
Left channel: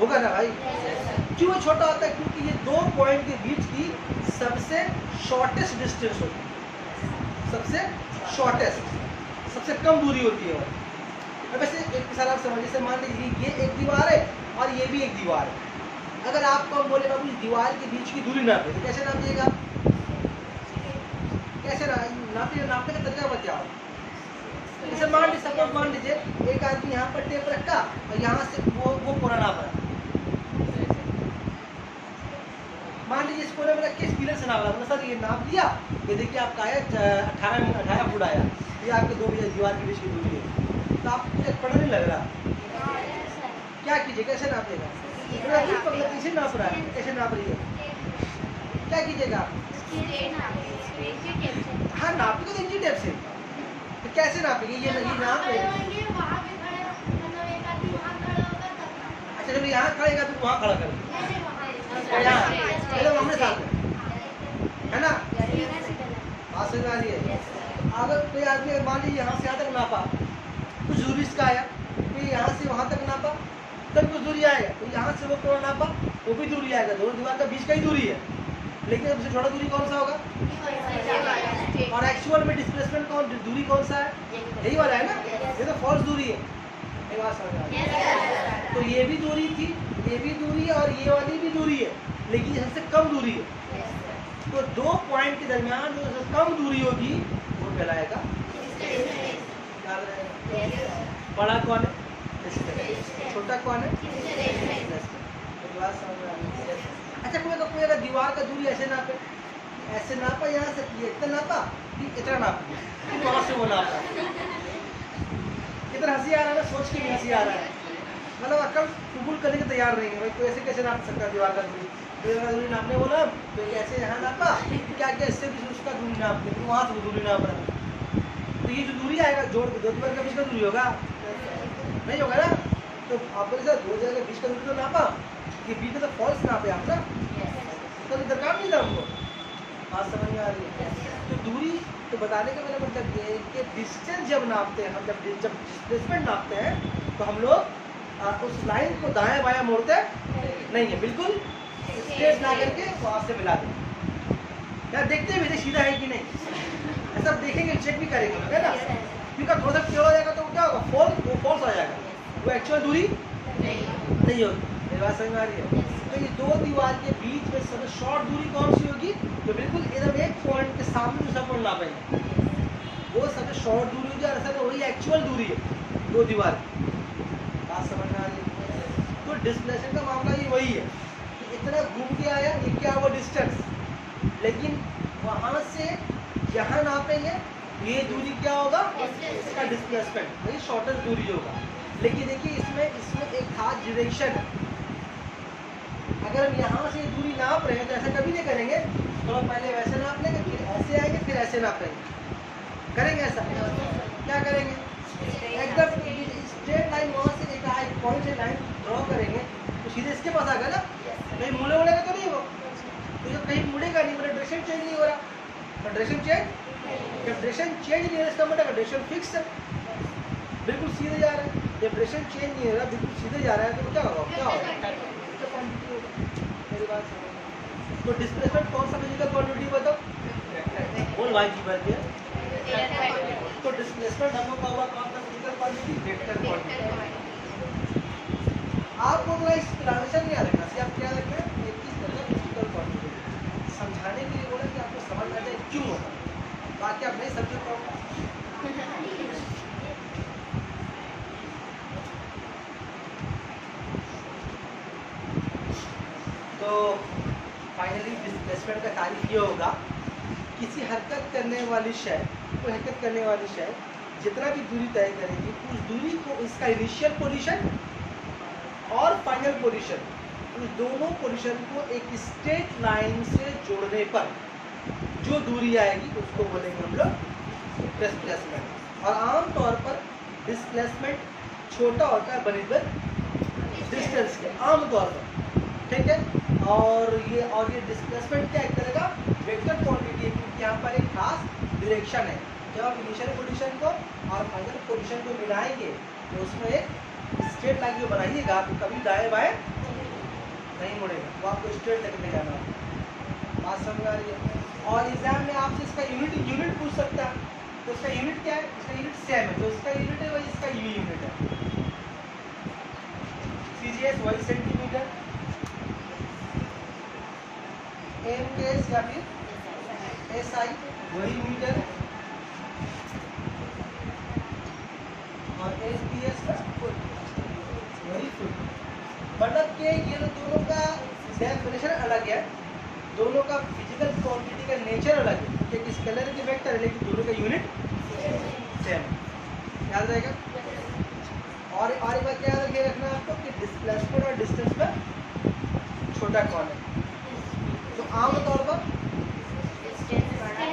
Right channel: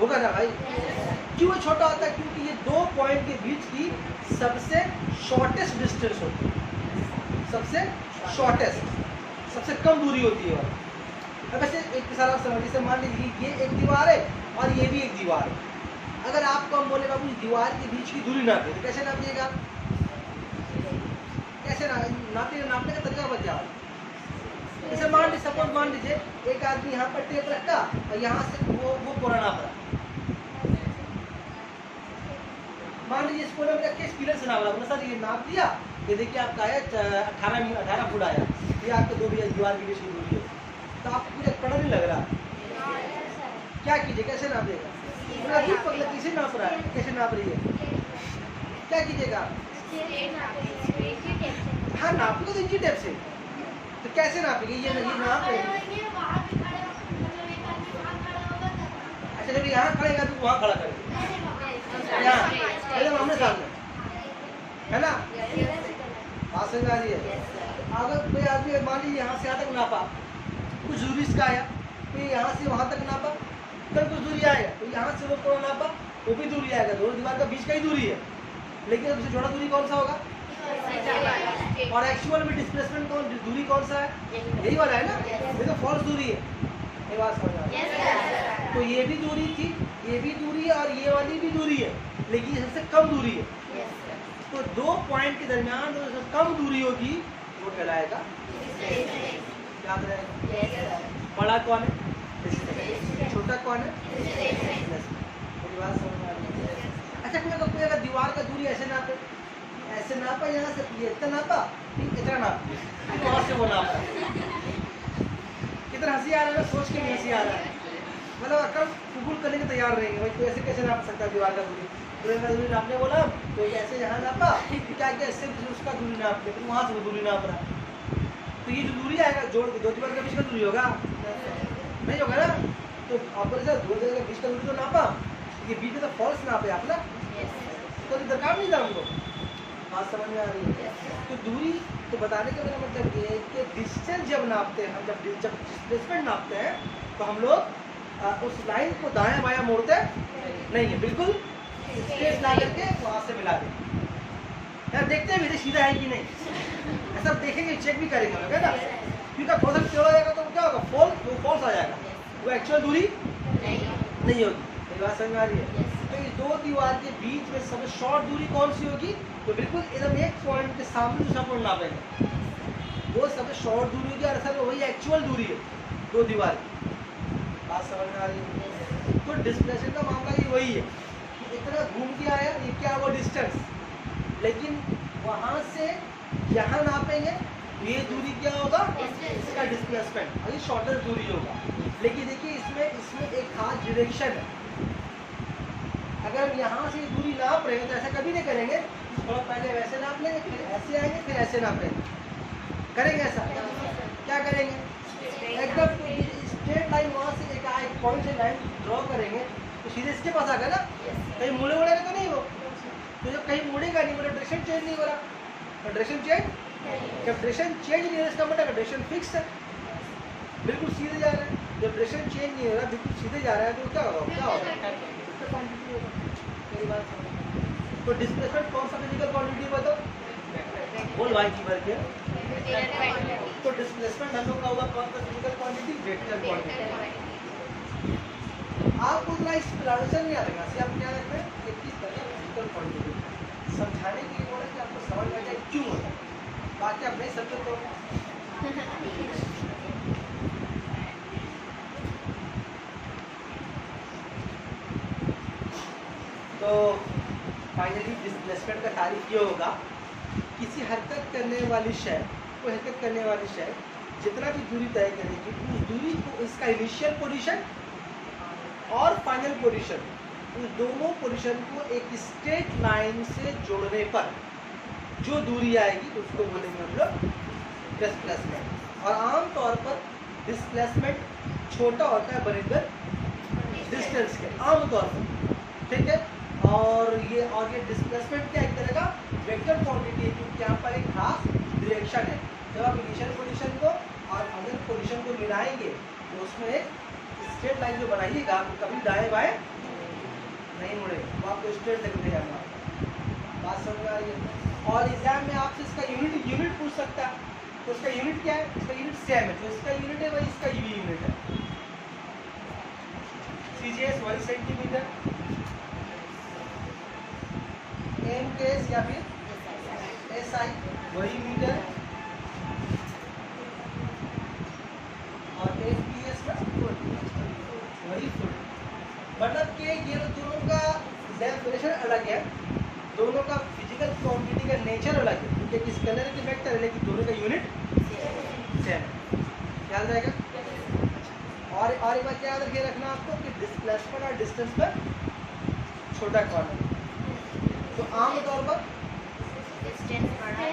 होगा ना भाई। क्यों छोटा होता है, क्योंकि ये 2 पॉइंट के बीच की सबसे शॉर्टेस्ट डिस्टेंस होती है, सबसे शॉर्टेस्ट, सबसे कम दूरी होती है। अब ऐसे एक मिसाल आप समझिए, से मान लीजिए ये एक दीवार है और ये भी एक दीवार है। अगर आपको हम बोले बाबू इस दीवार के बीच की दूरी नापे, तो कैसे नापिएगा, नापने का तरीका बताओ। जैसे मान लीजिए, सपोज मान लीजिए एक आदमी यहाँ पर टेप रखा और यहाँ से वो पूरा नाप रहा। मान लीजिए इस कोने में रख के इस पीरियड से नाप रहा, सर ये नाप दिया, ये देखिए आपका आया 18 फुट आया, ये आपके दो दीवार के बीच की दूरी है, तो आपको कुछ पता नहीं लग रहा। क्या कीजिए, कैसे नापेगा? कैसे नाप रहा है, कैसे नाप रही है, क्या कीजिएगा? हाँ नापेगा तो इंची टेप से। तो कैसे नापेंगे? ये नहीं नाप रहे। अच्छा जब यहाँ खड़ेगा फिर वहाँ खड़ा करेंगे, यहाँ हमने साथ में, है ना? बात समझ आ रही है? अगर कोई आदमी मान लीजिए यहाँ से यहाँ तक नापा, कुछ दूरी इसका आया, फिर यहाँ से वहाँ तक नापा, तब कुछ दूरी आएगा, तो यहाँ से वो कोण नापा, वो भी दूरी आएगा, दोनों दीवार का बीच का ही दूरी है, लेकिन सबसे छोटा दूरी कौन सा होगा? और एक्चुअल में डिस्प्लेसमेंट दूरी कौन सा है? यही वाला है ना, ये तो फॉल्स दूरी है। ये बात समझ आ रही है? तो ये भी दूरी थी, ये भी दूरी है और ये वाली भी दूरी है, लेकिन सबसे कम दूरी है। तो दो पॉइंट के दरमियान जो सबसे कम दूरी होगी वो कहलाएगा, याद रहेगा। बड़ा कौन है? छोटा कौन है? मेरी बात समझ में आ रही है? अच्छा कोई अगर दीवार का दूरी ऐसे नापे, ऐसे नापा, यहाँ से ये इतना नापा, इतना नापा, वहाँ से वो नापा, कितना हंसी आ रहा है, सोच के भी हंसी आ रहा है। मतलब अक्ल कबूल करने के तैयार रहेंगे भाई, कोई ऐसे कैसे नाप सकता है दीवार का दूरी? दूरी नापने बोला तो ऐसे यहाँ नापा, क्या क्या इससे उसका दूरी नाप दे, फिर वहाँ से वो दूरी नाप रहा है, तो ये जो दूरी आएगा जोड़ के दो दीवार का बीच का दूरी होगा, नहीं होगा ना? तो आप बोले सर दो जगह बीच का दूरी तो नापा, ये बीच में तो फॉल्स नापे आप ना, तो दरकार नहीं था हमको। बात समझ में आ रही है? तो दूरी तो बताने का मेरा मतलब ये है कि डिस्टेंस जब नापते हैं हम, जब डिस्प्लेसमेंट नापते हैं तो हम लोग उस लाइन को दाएं बायां मोड़ते नहीं है, बिल्कुल स्ट्रेट ला करके वहाँ से मिला दें। यार देखते भी थे सीधा है कि नहीं, ऐसा देखेंगे, चेक भी करेंगे है ना, क्योंकि थोड़ा सा टेढ़ा हो जाएगा तो क्या होगा, फॉल्स आ जाएगा, वो एक्चुअल दूरी नहीं होगी। मेरी बात समझ में आ रही है? तो ये दो दीवार के बीच में सबसे शॉर्ट दूरी कौन सी होगी? तो बिल्कुल एकदम एक पॉइंट के सामने दूसरा पॉइंट नापेंगे, वो सबसे शॉर्ट दूरी होगी, और असल में वही एक्चुअल दूरी है दो दीवार की। बात समझ में आ रही है? तो डिस्प्लेसमेंट का मामला ये वही है, इतना घूम के आया, ये क्या हुआ डिस्टेंस, लेकिन वहाँ से यहाँ नापेंगे, ये दूरी क्या होगा? इसका डिस्प्लेसमेंट, वही शॉर्टेस्ट दूरी होगा। लेकिन देखिए इसमें एक खास डायरेक्शन है, अगर हम यहाँ से दूरी नाप रहे हैं तो ऐसा कभी नहीं करेंगे, तो पहले वैसे नाप लेंगे, फिर ऐसे आएंगे, फिर ऐसे नापेंगे, करेंगे ऐसा? क्या करेंगे? एकदम स्ट्रेट लाइन वहाँ से एक पॉइंट से लाइन ड्रॉ करेंगे तो सीधे इसके पास आ गया ना, कहीं मुड़े उड़ेगा तो नहीं वो, तो जब कहीं मुड़ेगा नहीं मतलब डायरेक्शन चेंज नहीं हो रहा, डायरेक्शन चेंज, जब डायरेक्शन चेंज नहीं हो रहा इसका मतलब डायरेक्शन फिक्स है, बिल्कुल सीधे जा रहा है। जब डायरेक्शन चेंज नहीं हो रहा, बिल्कुल सीधे जा रहा है, तो क्या होगा? क्या होगा? क्वांटिटी होगा। मेरी बात समझ? तो डिस्प्लेसमेंट कौन सा फिजिकल क्वांटिटी बताओ? बोल भाई की बात है। तो डिस्प्लेसमेंट हम लोग का होगा कौन सा फिजिकल क्वांटिटी? Vector quantity. आपको ना इस ट्रांजिशन नहीं आ रहा है, आपने यहाँ पे एक चीज करना है, फिजिकल क्वांटिटी समझाने के लिए बोला कि आपको समझ आ जाए क्यों होता है, बाकी आप नहीं समझे तो फाइनली डिस्प्लेसमेंट का तारीफ ये होगा, किसी हरकत करने वाली शय, कोई हरकत करने वाली शय जितना भी दूरी तय करेगी, उस दूरी को इसका इनिशियल पोजीशन और फाइनल पोजीशन, उस दोनों पोजीशन को एक स्ट्रेट लाइन से जोड़ने पर जो दूरी आएगी उसको बोलेंगे हम लोग डिस्प्लेसमेंट। और आमतौर पर डिस्प्लेसमेंट छोटा होता है बनिस्बत डिस्टेंस के, आमतौर पर, ठीक है। और ये डिस्प्लेसमेंट क्या करेगा? वेक्टर क्वांटिटी, क्योंकि यहाँ पर एक खास डायरेक्शन है। जब आप इनिशियल पोजीशन को और फाइनल पोजीशन को मिलाएंगे तो उसमें एक स्ट्रेट लाइन जो बनाइएगा तो कभी दाएं बाएं नहीं मुड़ेगा, वो आपको स्ट्रेट लेके जाना है। बात समझ आ रही है? और एग्जाम में आपसे इसका यूनिट पूछ सकता है, तो इसका यूनिट क्या है? इसका यूनिट सेम है, तो इसका यूनिट है वही इसका यूनिट है, सीजीएस वही सेंटीमीटर, एम केस या फिर एसआई वही मीटर, वेरी फुल, मतलब कि ये दोनों का डेफिनेशन अलग है, दोनों का फिजिकल क्वांटिटी का नेचर अलग है, क्योंकि स्केलर की वेक्टर है लेकिन दोनों का यूनिट सेम है। याद रहेगा। और एक बात क्या याद रखिए रखना आपको कि डिस्प्लेसमेंट और डिस्टेंस में छोटा कौन है। तो आमतौर पर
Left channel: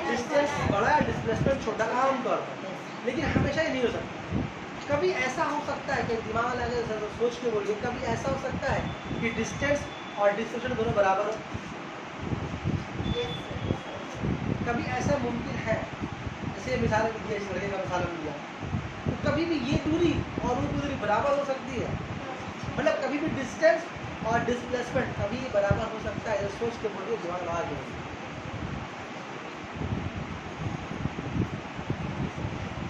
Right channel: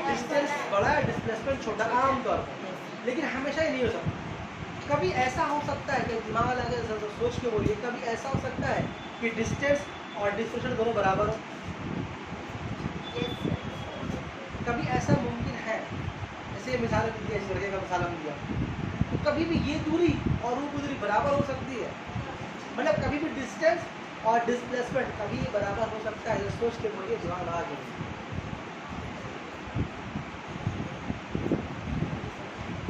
डिस्टेंस बड़ा है, डिस्प्लेसमेंट छोटा, आमतौर पर, लेकिन हमेशा ही नहीं हो सकता। कभी ऐसा हो सकता है कि दिमाग लगा के सोच के बोलिए, कभी ऐसा हो सकता है कि डिस्टेंस और डिस्प्लेसमेंट दोनों बराबर हो। कभी ऐसा मुमकिन है, जैसे मिसाल लीजिए, इस लड़के का मिसाल हम दिया, तो कभी भी ये दूरी और वो दूरी बराबर हो सकती है। मतलब कभी भी डिस्टेंस और डिस्प्लेसमेंट कभी बराबर हो सकता है। सोच के बोलिए, दिमाग लगा के बोलिए।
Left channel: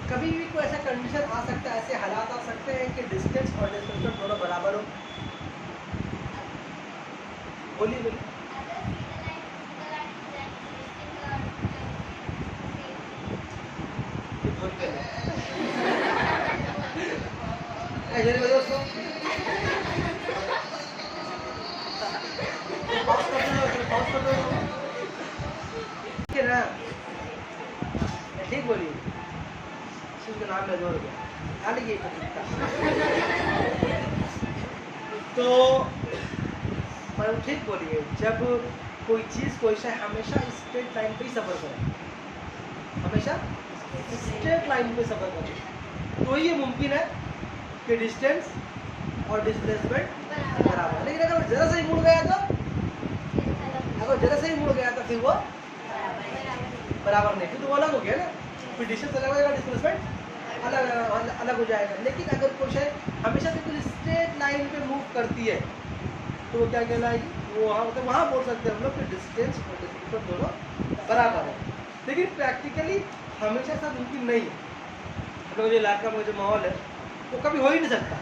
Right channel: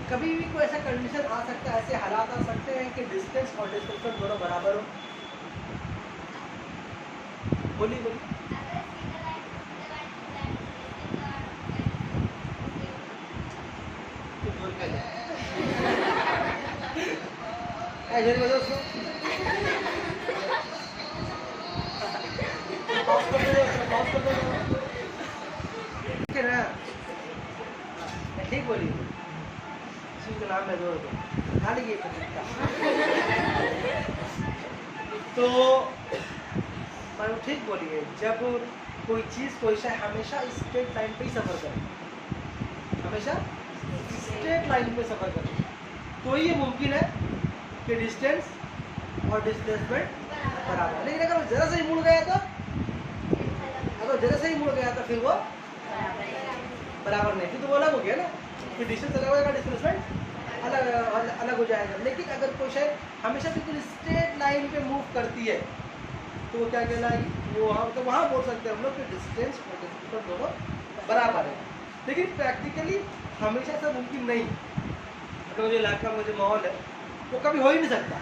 कभी भी कोई ऐसा कंडीशन आ सकता है, ऐसे हालात आ सकते हैं कि डिस्टेंस और डिस्प्लेसमेंट दोनों बराबर हो। बोलिए बोलिए। ऐसे बता उसको ठीक बोलिए, चीज का नाम है 2 रुपये खा लीजिए तो ठीक बोलिए। जब कोई चीज कोई शय हमेशा स्ट्रेट लाइन पे ही सफर करे, हमेशा स्ट्रेट लाइन पे सफर करे, तो ये मुमकिन है कि डिस्टेंस और डिस्प्लेसमेंट बराबर। लेकिन अगर जरा से ही मुड़ गया तो, अगर जरा से ही मुड़ गया तो फिर वो बराबर नहीं, फिर तो वो अलग हो गया ना, फिर डिस्टेंस अलग हो जाएगा, डिस्प्लेसमेंट अलग हो जाएगा। लेकिन अगर कोई शय हमेशा बिल्कुल स्ट्रेट लाइन पे मूव करती है तो वो क्या कहलाएगी, वो वहाँ बोल सकते हैं हम लोग कि डिस्टेंस और डिस्प्लेसमेंट दोनों बराबर है। लेकिन प्रैक्टिकली हमेशा ऐसा मुमकिन नहीं है। अगर जो इलाका में जो माहौल है वो कभी हो ही नहीं सकता।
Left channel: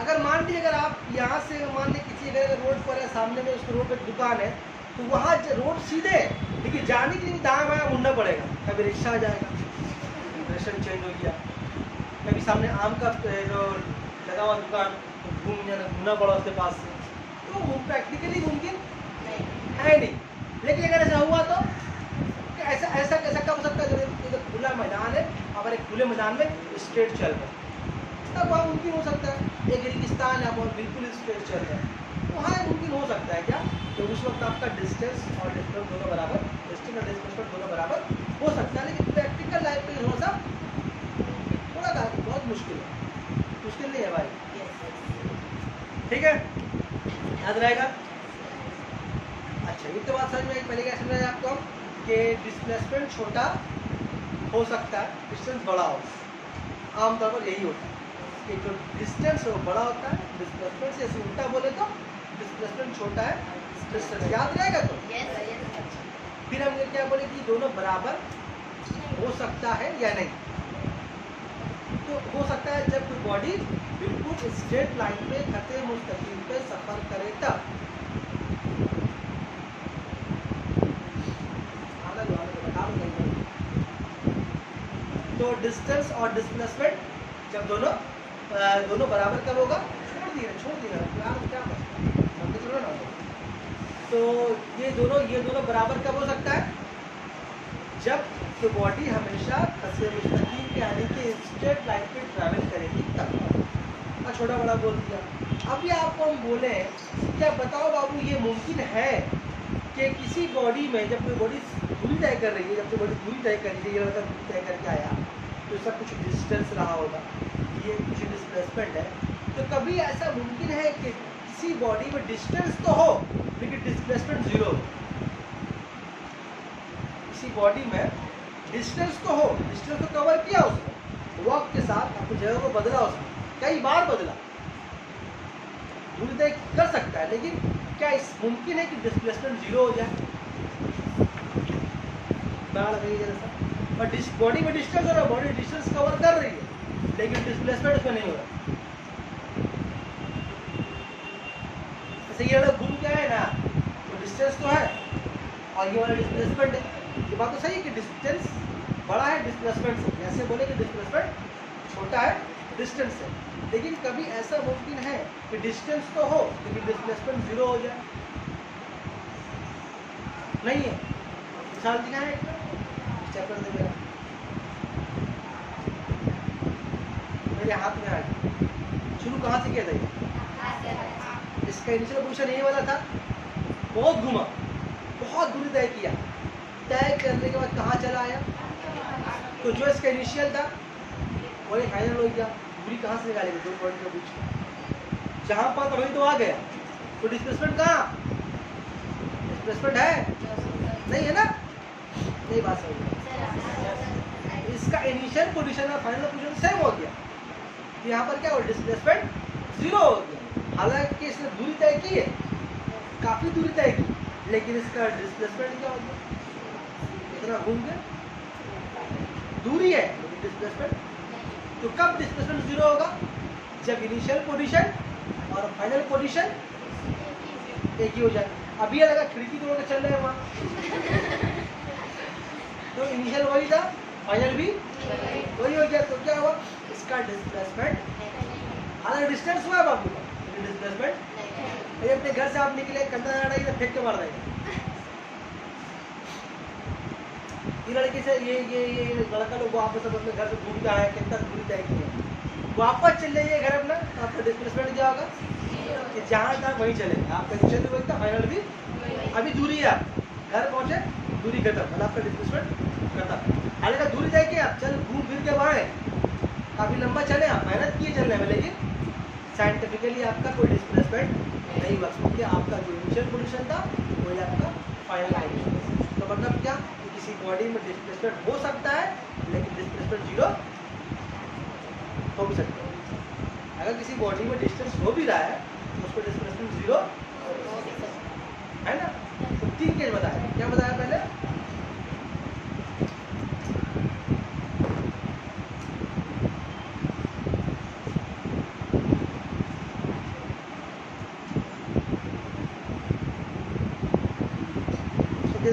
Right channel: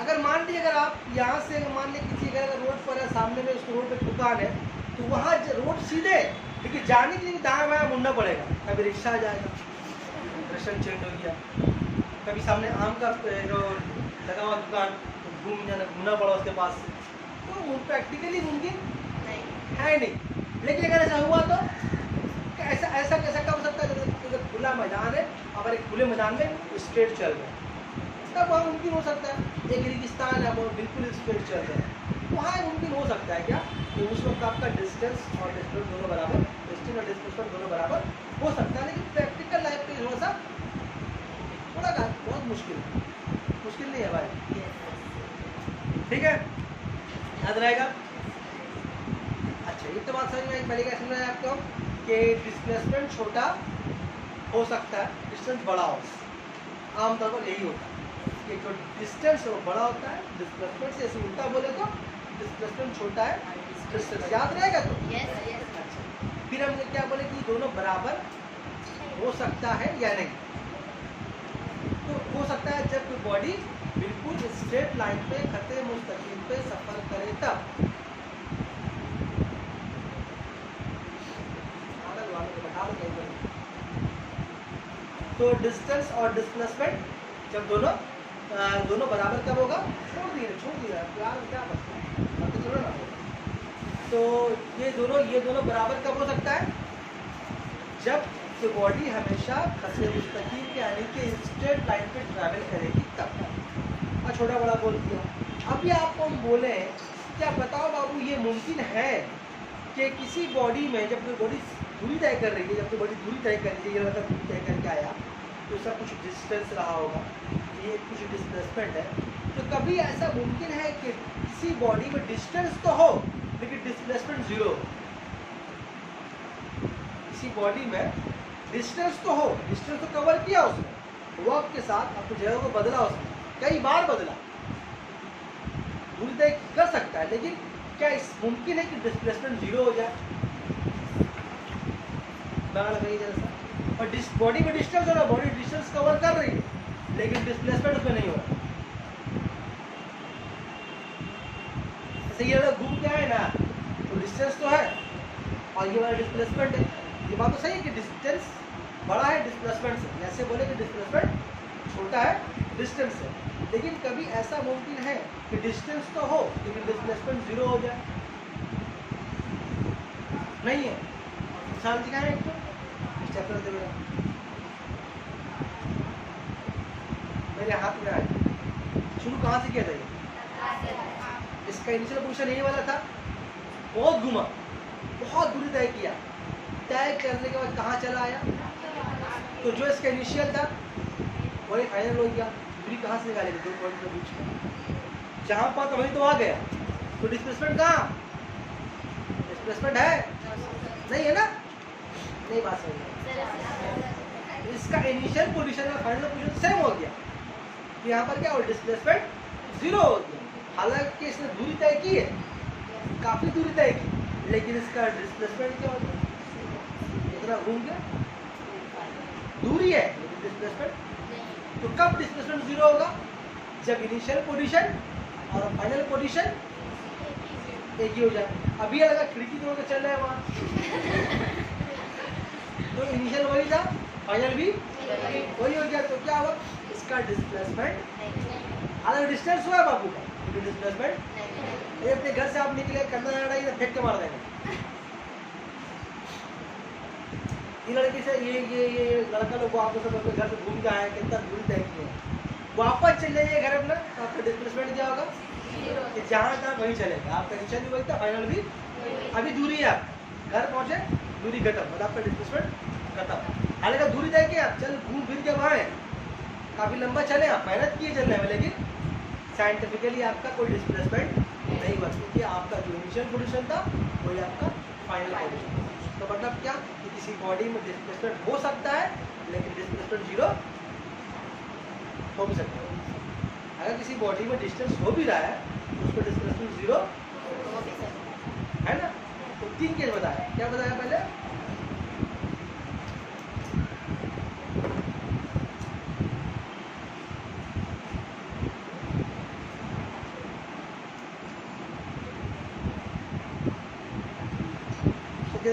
अगर मान लीजिए, अगर आप यहाँ से मान लीजिए किसी अगर रोड पर है, सामने में उसको रोड पे दुकान है, तो वहाँ रोड सीधे, लेकिन जाने के लिए दाएं बाएं मुड़ना पड़ेगा। कभी रिक्शा आ जाएगा, डायरेक्शन चेंज हो गया, कभी सामने आम का जो लगा हुआ दुकान, घूमना पड़ा उसके पास से, तो वो प्रैक्टिकली मुमकिन है नहीं। लेकिन अगर ऐसा हुआ तो ऐसा ऐसा कैसा कब हो सकता है, जब खुला मैदान है, अगर एक खुले मैदान में स्ट्रेट चल रहे हैं तब वहाँ मुमकिन हो सकता है। एक रेगिस्तान है, वो बिल्कुल स्ट्रेट चल रहे हैं, वहाँ मुमकिन हो सकता है क्या कि उस वक्त आपका डिस्टेंस और डिस्टेंस दोनों बराबर, डिस्टेंस और डिस्प्लेसमेंट दोनों बराबर हो सकता है। लेकिन प्रैक्टिकल लाइफ पे थोड़ा बहुत मुश्किल है, मुश्किल नहीं है भाई। ठीक है, याद रहेगा। अच्छा, ये तो बात समझ में पहले क्या समझाया आपको कि डिस्प्लेसमेंट छोटा हो सकता है, डिस्टेंस बड़ा हो। आमतौर पर यही होता है कि जो डिस्टेंस है वो बड़ा होता है, डिस्प्लेसमेंट से ऐसे उल्टा बोले तो डिस्प्लेसमेंट छोटा है, डिस्टेंस। याद रहेगा तो अच्छा। फिर हम क्या बोले कि दोनों बराबर हो सकता है या नहीं। तो हो सकता है जब कोई बॉडी बिल्कुल स्ट्रेट लाइन पे खते मुस्तकीम पे सफर करे तब। तो डिस्टेंस और डिस्प्लेसमेंट जब दोनों बराबर कब होगा, छोड़ दिया यार, क्या बचता है, चलो ना। तो ये दोनों बराबर कब हो सकता है, जब तो बॉडी हमेशा खसे मुस्तकीम के यानी कि स्ट्रेट लाइन पे ट्रैवल करेगी तब। और छोटा बड़ा बोल दिया। अभी आपको हम बोले क्या बताओ बाबू, ये मुमकिन है कि किसी बॉडी में जब कोई बॉडी दूरी तय कर रही है, जब कोई बॉडी दूरी तय कर रही है, ये लड़का दूरी तय करके आया तो इसका कुछ डिस्टेंस रहा होगा, ये कुछ डिस्प्लेसमेंट है, तो कभी ऐसा मुमकिन है कि किसी बॉडी में डिस्टेंस तो हो लेकिन डिस्प्लेसमेंट 0 हो। किसी बॉडी में डिस्टेंस तो हो, डिस्टेंस तो कवर किया उसने, वक्त के साथ अपनी जगह को बदला, उसने कई बार बदला, दूरी तय कर सकता है, लेकिन क्या इस मुमकिन है कि डिस्प्लेसमेंट 0 हो जाए। लगाइए जरा सा। और बॉडी में डिस्टेंस हो रहा है, बॉडी डिस्टेंस कवर कर रही है लेकिन डिस्प्लेसमेंट उसमें नहीं हो रहा। जैसे ये वाला घूम के आए ना, तो डिस्टेंस तो है और ये वाला डिस्प्लेसमेंट है। ये बात तो सही है कि डिस्टेंस बड़ा है डिस्प्लेसमेंट से, ऐसे बोले कि डिस्प्लेसमेंट छोटा है डिस्टेंस से, लेकिन कभी ऐसा मुमकिन है कि डिस्टेंस तो हो लेकिन डिस्प्लेसमेंट 0 हो जाए? नहीं है। मिसाल दिखाएं एक चैप्टर दे मेरे हाथ में आई, शुरू कहाँ से किया था ये? इसका इनिशियल पोजीशन यही वाला था, बहुत घुमा, बहुत दूरी तय किया, तय करने के बाद कहाँ चला आया? तो जो इसका इनिशियल था वही फाइनल हो गया। दूरी कहाँ से निकालेगा? 2 पॉइंट के बीच में जहाँ पर तो वही तो आ गया, तो डिस्प्लेसमेंट कहाँ? डिस्प्लेसमेंट है नहीं है ना? नहीं बात सही है। इसका इनिशियल पोजीशन और फाइनल पोजीशन सेम हो गया, यहाँ पर क्या हो? डिस्प्लेसमेंट 0 हो गया। हालांकि इसने दूरी तय की है, काफी दूरी तय की, लेकिन इसका डिस्प्लेसमेंट क्या हो गया? इतना घूम गया। दूरी है लेकिन डिस्प्लेसमेंट, तो कब डिस्प्लेसमेंट 0 होगा? जब इनिशियल पोजीशन और फाइनल पोजीशन एक ही हो जाए। अभी लगा खिड़की तोड़ के चल रहे हैं वहाँ तो इनिशियल वही था, फाइनल भी वही हो गया, तो क्या हुआ? इसका डिस्प्लेसमेंट अलग डिस्टेंस हुआ है बाबू का, लेकिन डिस्प्लेसमेंट ये अपने घर से आप निकले, कंधा ना फेंक के मार देंगे। ये लड़की से ये लड़का लोग वापस अपने घर से घूम के आए, कितना दूरी तय की है, वापस चल जाइए घर अपना, तो आपका डिस्प्लेसमेंट क्या होगा? कि जहाँ था वहीं चलेगा, आपका इनिशियल भी वही था, फाइनल भी। अभी दूरी है, आप घर पहुंचे, दूरी खत्म, मतलब आपका डिस्प्लेसमेंट खत्म। हालांकि दूरी तय की आप चल घूम फिर के वहाँ काफी लंबा चले, आप मेहनत किए चलने में, लेकिन साइंटिफिकली आपका कोई डिस्प्लेसमेंट नहीं हुआ, क्योंकि आपका जो इनिशियल पोजीशन था वही आपका फाइनल पोजीशन। तो मतलब क्या कि किसी बॉडी में डिस्प्लेसमेंट हो सकता है लेकिन डिस्प्लेसमेंट 0 हो भी सकता है। अगर किसी बॉडी में डिस्टेंस हो भी रहा है तो उसको डिस्प्लेसमेंट 0 है ना। तो 3 केस बताया, क्या बताया पहले?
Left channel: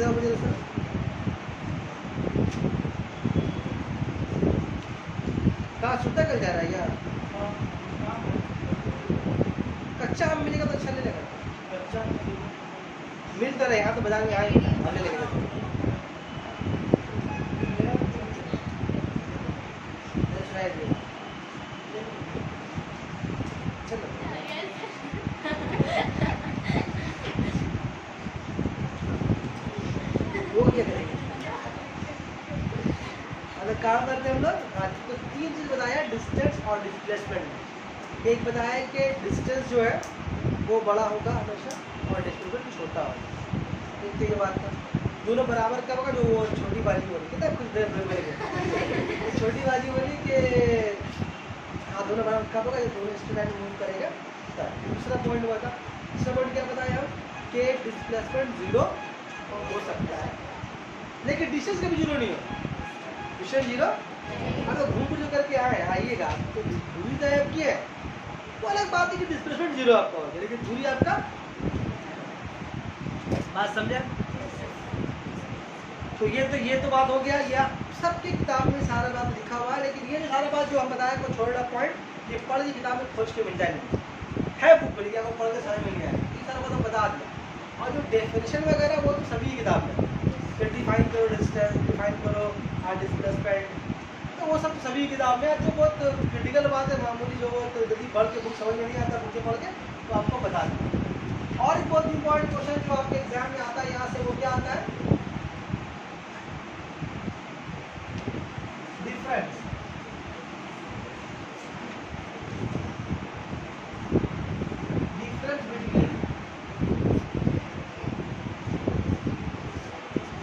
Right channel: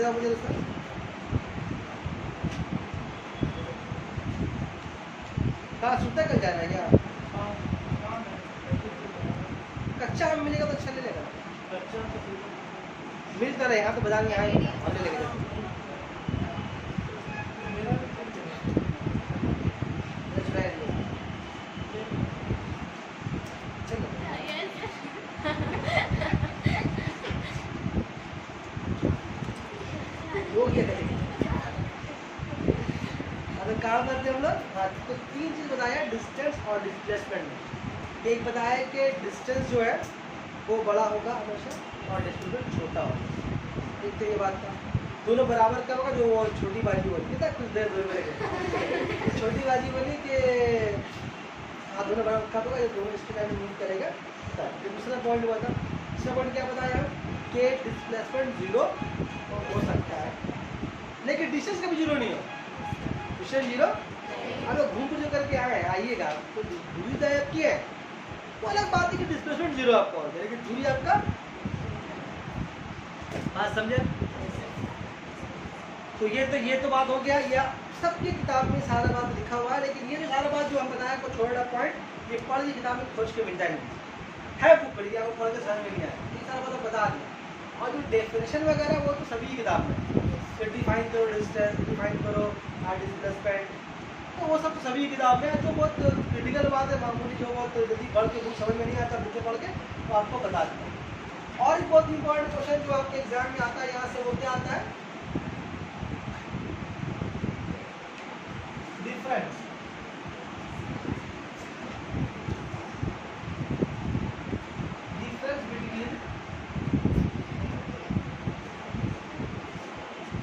मुझे सर कहाँ सुता कल जा रहा है क्या? कच्चा आम मिलेगा तो अच्छा नहीं लगेगा, मिलता रहे यहाँ तो बाजार में, यहाँ हम ले लेके जाते। काम करते हैं हम लोग। तो 3 चीज बताया डिस्टेंस और डिस्प्लेसमेंट में। एक बताया कि डिस्टेंस जो है वो बड़ा होगा हमेशा और डिस्प्लेसमेंट छोटा होगा। एक तो ये बात था, दोनों बराबर कब होगा? जो वो छोटी बाजी बोली कितना कुछ देर छोटी बाजी बोली कि हाँ दोनों बराबर कब होगा? जो दोनों इसके टाइम मूव करेगा। दूसरा पॉइंट हुआ था, दूसरा पॉइंट क्या बताया कि डिस्प्लेसमेंट 0 हो सकता है लेकिन डिस्टेंस कभी 0 नहीं हो। डिस्टेंस 0 अगर घूम फिर जो करके आए आइएगा तो दूरी तय आपकी है, वो अलग बात है कि डिस्प्लेसमेंट 0 आपका हो, लेकिन दूरी आपका। बात समझे? तो ये तो बात हो गया, या सबकी किताब में सारा बात लिखा हुआ है, लेकिन ये जो सारा बात जो हम बताया को छोटा पॉइंट ये पढ़ की किताब में खोज के मिल जाएगी है, बुक पढ़ लिया, पढ़ के समझ में नहीं आया, ये सारा बात तो बता दिया। और जो डेफिनेशन वगैरह वो तो सभी किताब में, फिर डिफाइन करो डिस्टेंस, डिफाइन करो डिस्प्लेसमेंट, तो वो सब सभी किताब में। तो बहुत क्रिटिकल बात है, मामूली जो बहुत यदि पढ़ के बुक समझ में नहीं आता, बुकें पढ़ के तो आपको बता दें। और एक बहुत इंपॉर्टेंट क्वेश्चन जो आपके एग्जाम में आता है यहाँ से, वो क्या आता है? डिफरेंस बिटवीन,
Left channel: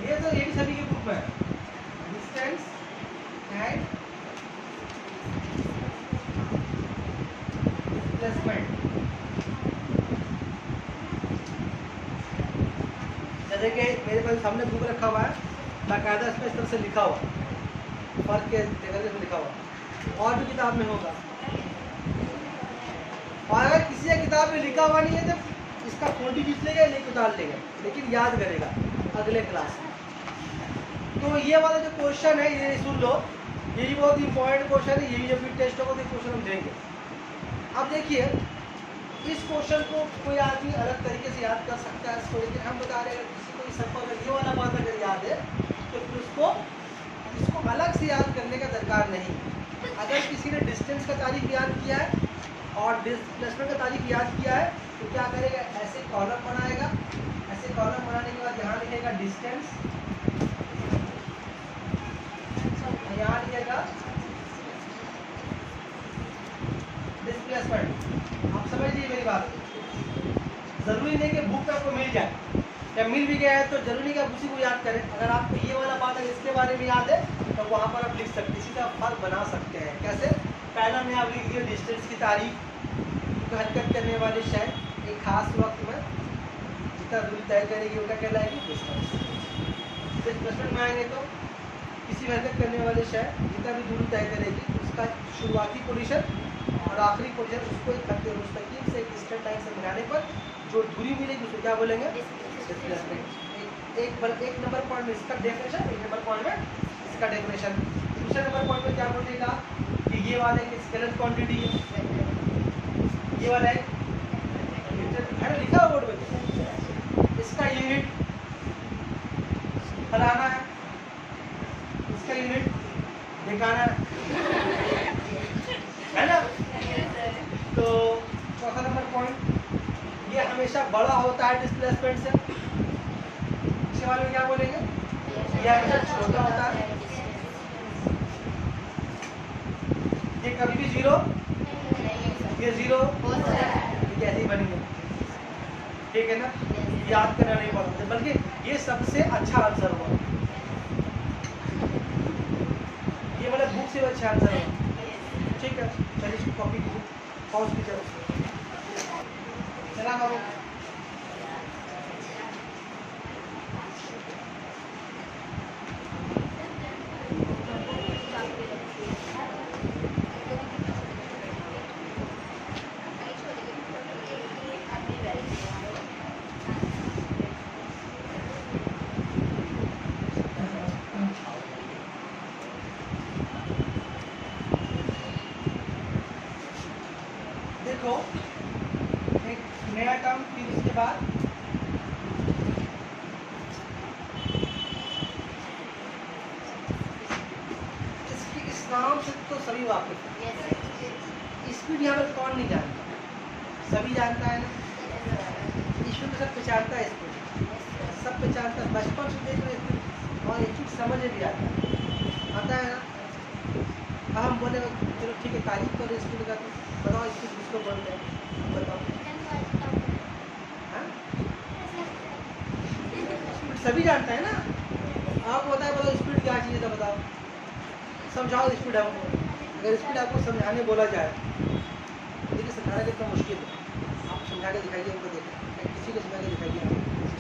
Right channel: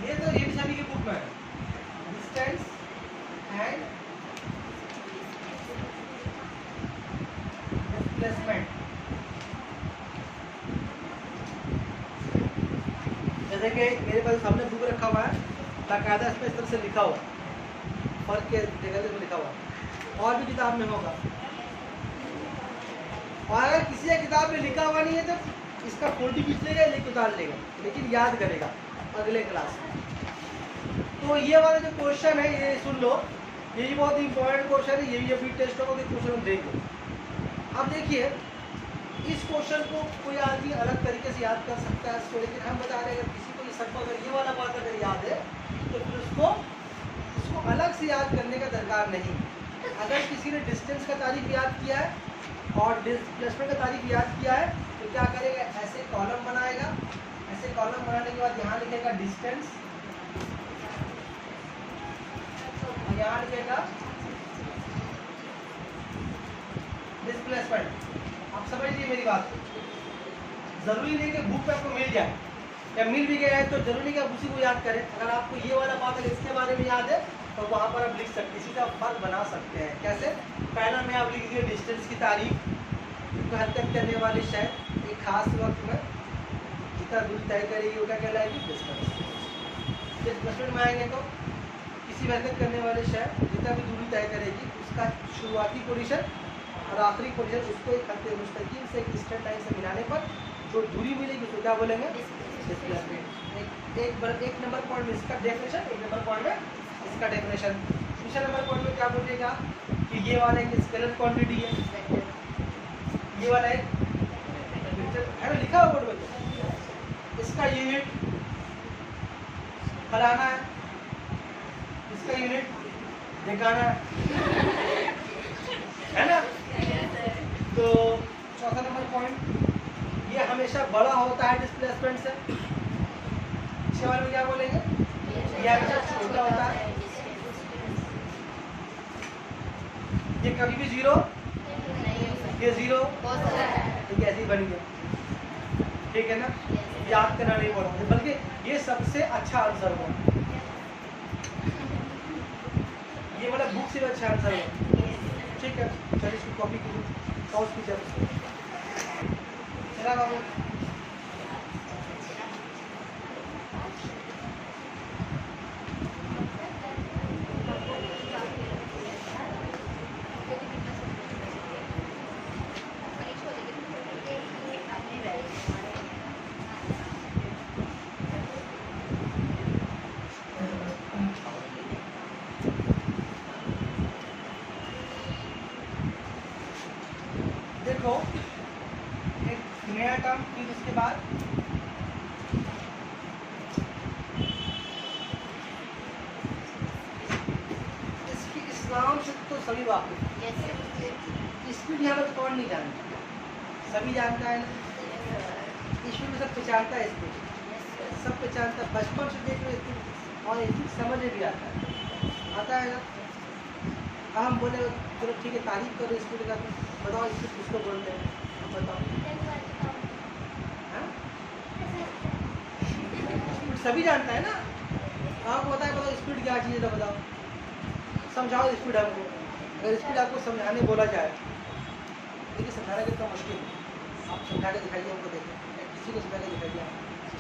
ये भी सभी के बुक में है, डिस्टेंस एंड डिस्प्लेसमेंट। जैसे कि मेरे पास सामने बुक रखा हुआ है, बाकायदा इसमें इस तरह से लिखा हुआ, फर्क के जगह से लिखा हुआ, और भी किताब में होगा। और अगर किसी किताब में लिखा हुआ नहीं है तो इसका फोटो खींच लेगा, लिख उतार लेगा, लेकिन याद करेगा अगले क्लास में। तो ये वाला जो क्वेश्चन है ये सुन लो यही बहुत इंपॉर्टेंट क्वेश्चन है, यही अभी टेस्ट होगा तो क्वेश्चन हम देंगे। अब देखिए इस क्वेश्चन को कोई आदमी अलग तरीके से याद कर सकता है इसको, लेकिन हम बता रहे हैं अगर किसी को इस अगर ये वाला बात अगर याद है तो फिर इसको अलग से याद करने का दरकार नहीं। अगर किसी ने डिस्टेंस का तारीख याद किया है और डिस्प्लेसमेंट का तारीख याद किया है तो क्या करेगा, ऐसे कॉलम बनाएगा, ऐसे कॉलम बनाने के बाद यहाँ लिखेगा डिस्टेंस, यहाँ लिखेगा डिस्प्लेसमेंट। आप समझ लीजिए मेरी बात, जरूरी नहीं कि बुक पे आपको मिल जाए, या मिल भी गया है तो जरूरी नहीं कि आप उसी को याद करें। अगर आपको ये वाला बात अगर इसके बारे में याद है तो वहाँ पर आप लिख सकते हैं, इसी का आप फर्क बना सकते हैं। कैसे, पहला में आप लिख दिए डिस्टेंस की तारीख, तो हरकत करने वाली शय एक खास वक्त में जितना दूरी तय करेगी वो क्या कहलाएगी, डिस्टेंस। डिस्प्लेसमेंट में आएंगे तो किसी हरकत करने वाले शय जितना भी दूरी तय करेगी उसका शुरुआती पोजीशन और आखिरी पोजीशन, उसको एक खत्ते मुस्तकीम से एक स्ट्रेट लाइन से मिलाने पर जो दूरी मिलेगी उसको क्या बोलेंगे, डिस्प्लेसमेंट। एक नंबर पॉइंट में इसका डेफिनेशन, एक नंबर पॉइंट में इसका डेफिनेशन। दूसरे नंबर पॉइंट में क्या बोलेगा कि ये वाला एक स्केलर क्वांटिटी है, ये वाला एक है ना, लिखा हुआ बोर्ड पे, इसका यूनिट फलाना है, इसका यूनिट दिखाना है ना। तो चौथा नंबर पॉइंट, ये हमेशा बड़ा होता है डिस्प्लेसमेंट से, इसके बारे में क्या बोलेंगे, ये हमेशा छोटा होता है, ये कभी भी जीरो, ये जीरो, ये कैसे ही बन गया, ठीक है ना। याद करना नहीं पड़ा, बल्कि ये सबसे अच्छा आंसर हुआ, ये वाला बुक से अच्छा आंसर हुआ, ठीक है। चलिए इसकी कॉपी की पॉज की जरूरत चला बाबू। देखो एक नया टर्म, फिर इसके बाद इस नाम से तो सभी वाकिफ, स्पीड यहाँ पर कौन नहीं जानता, सभी जानता है ना, स्पीड में सब पहचानता है, स्पीड सब पहचानता है, बचपन से देख रहे स्पीड, और एक चीज समझ में भी आता है ना। अब हम बोले चलो ठीक है तारीफ करो स्पीड का, तो बताओ स्पीड किसको बोलते हैं, हम बताओ, स्पीड सभी जानता है ना। आपको बताए बोलो स्पीड क्या चीज़ है तो बताओ, समझाओ स्पीड हमको। अगर स्पीड आपको समझाने बोला जाए, देखिए समझाना कितना मुश्किल है, आप समझा के दिखाइए हमको, देखें किसी को समझा के दिखाइए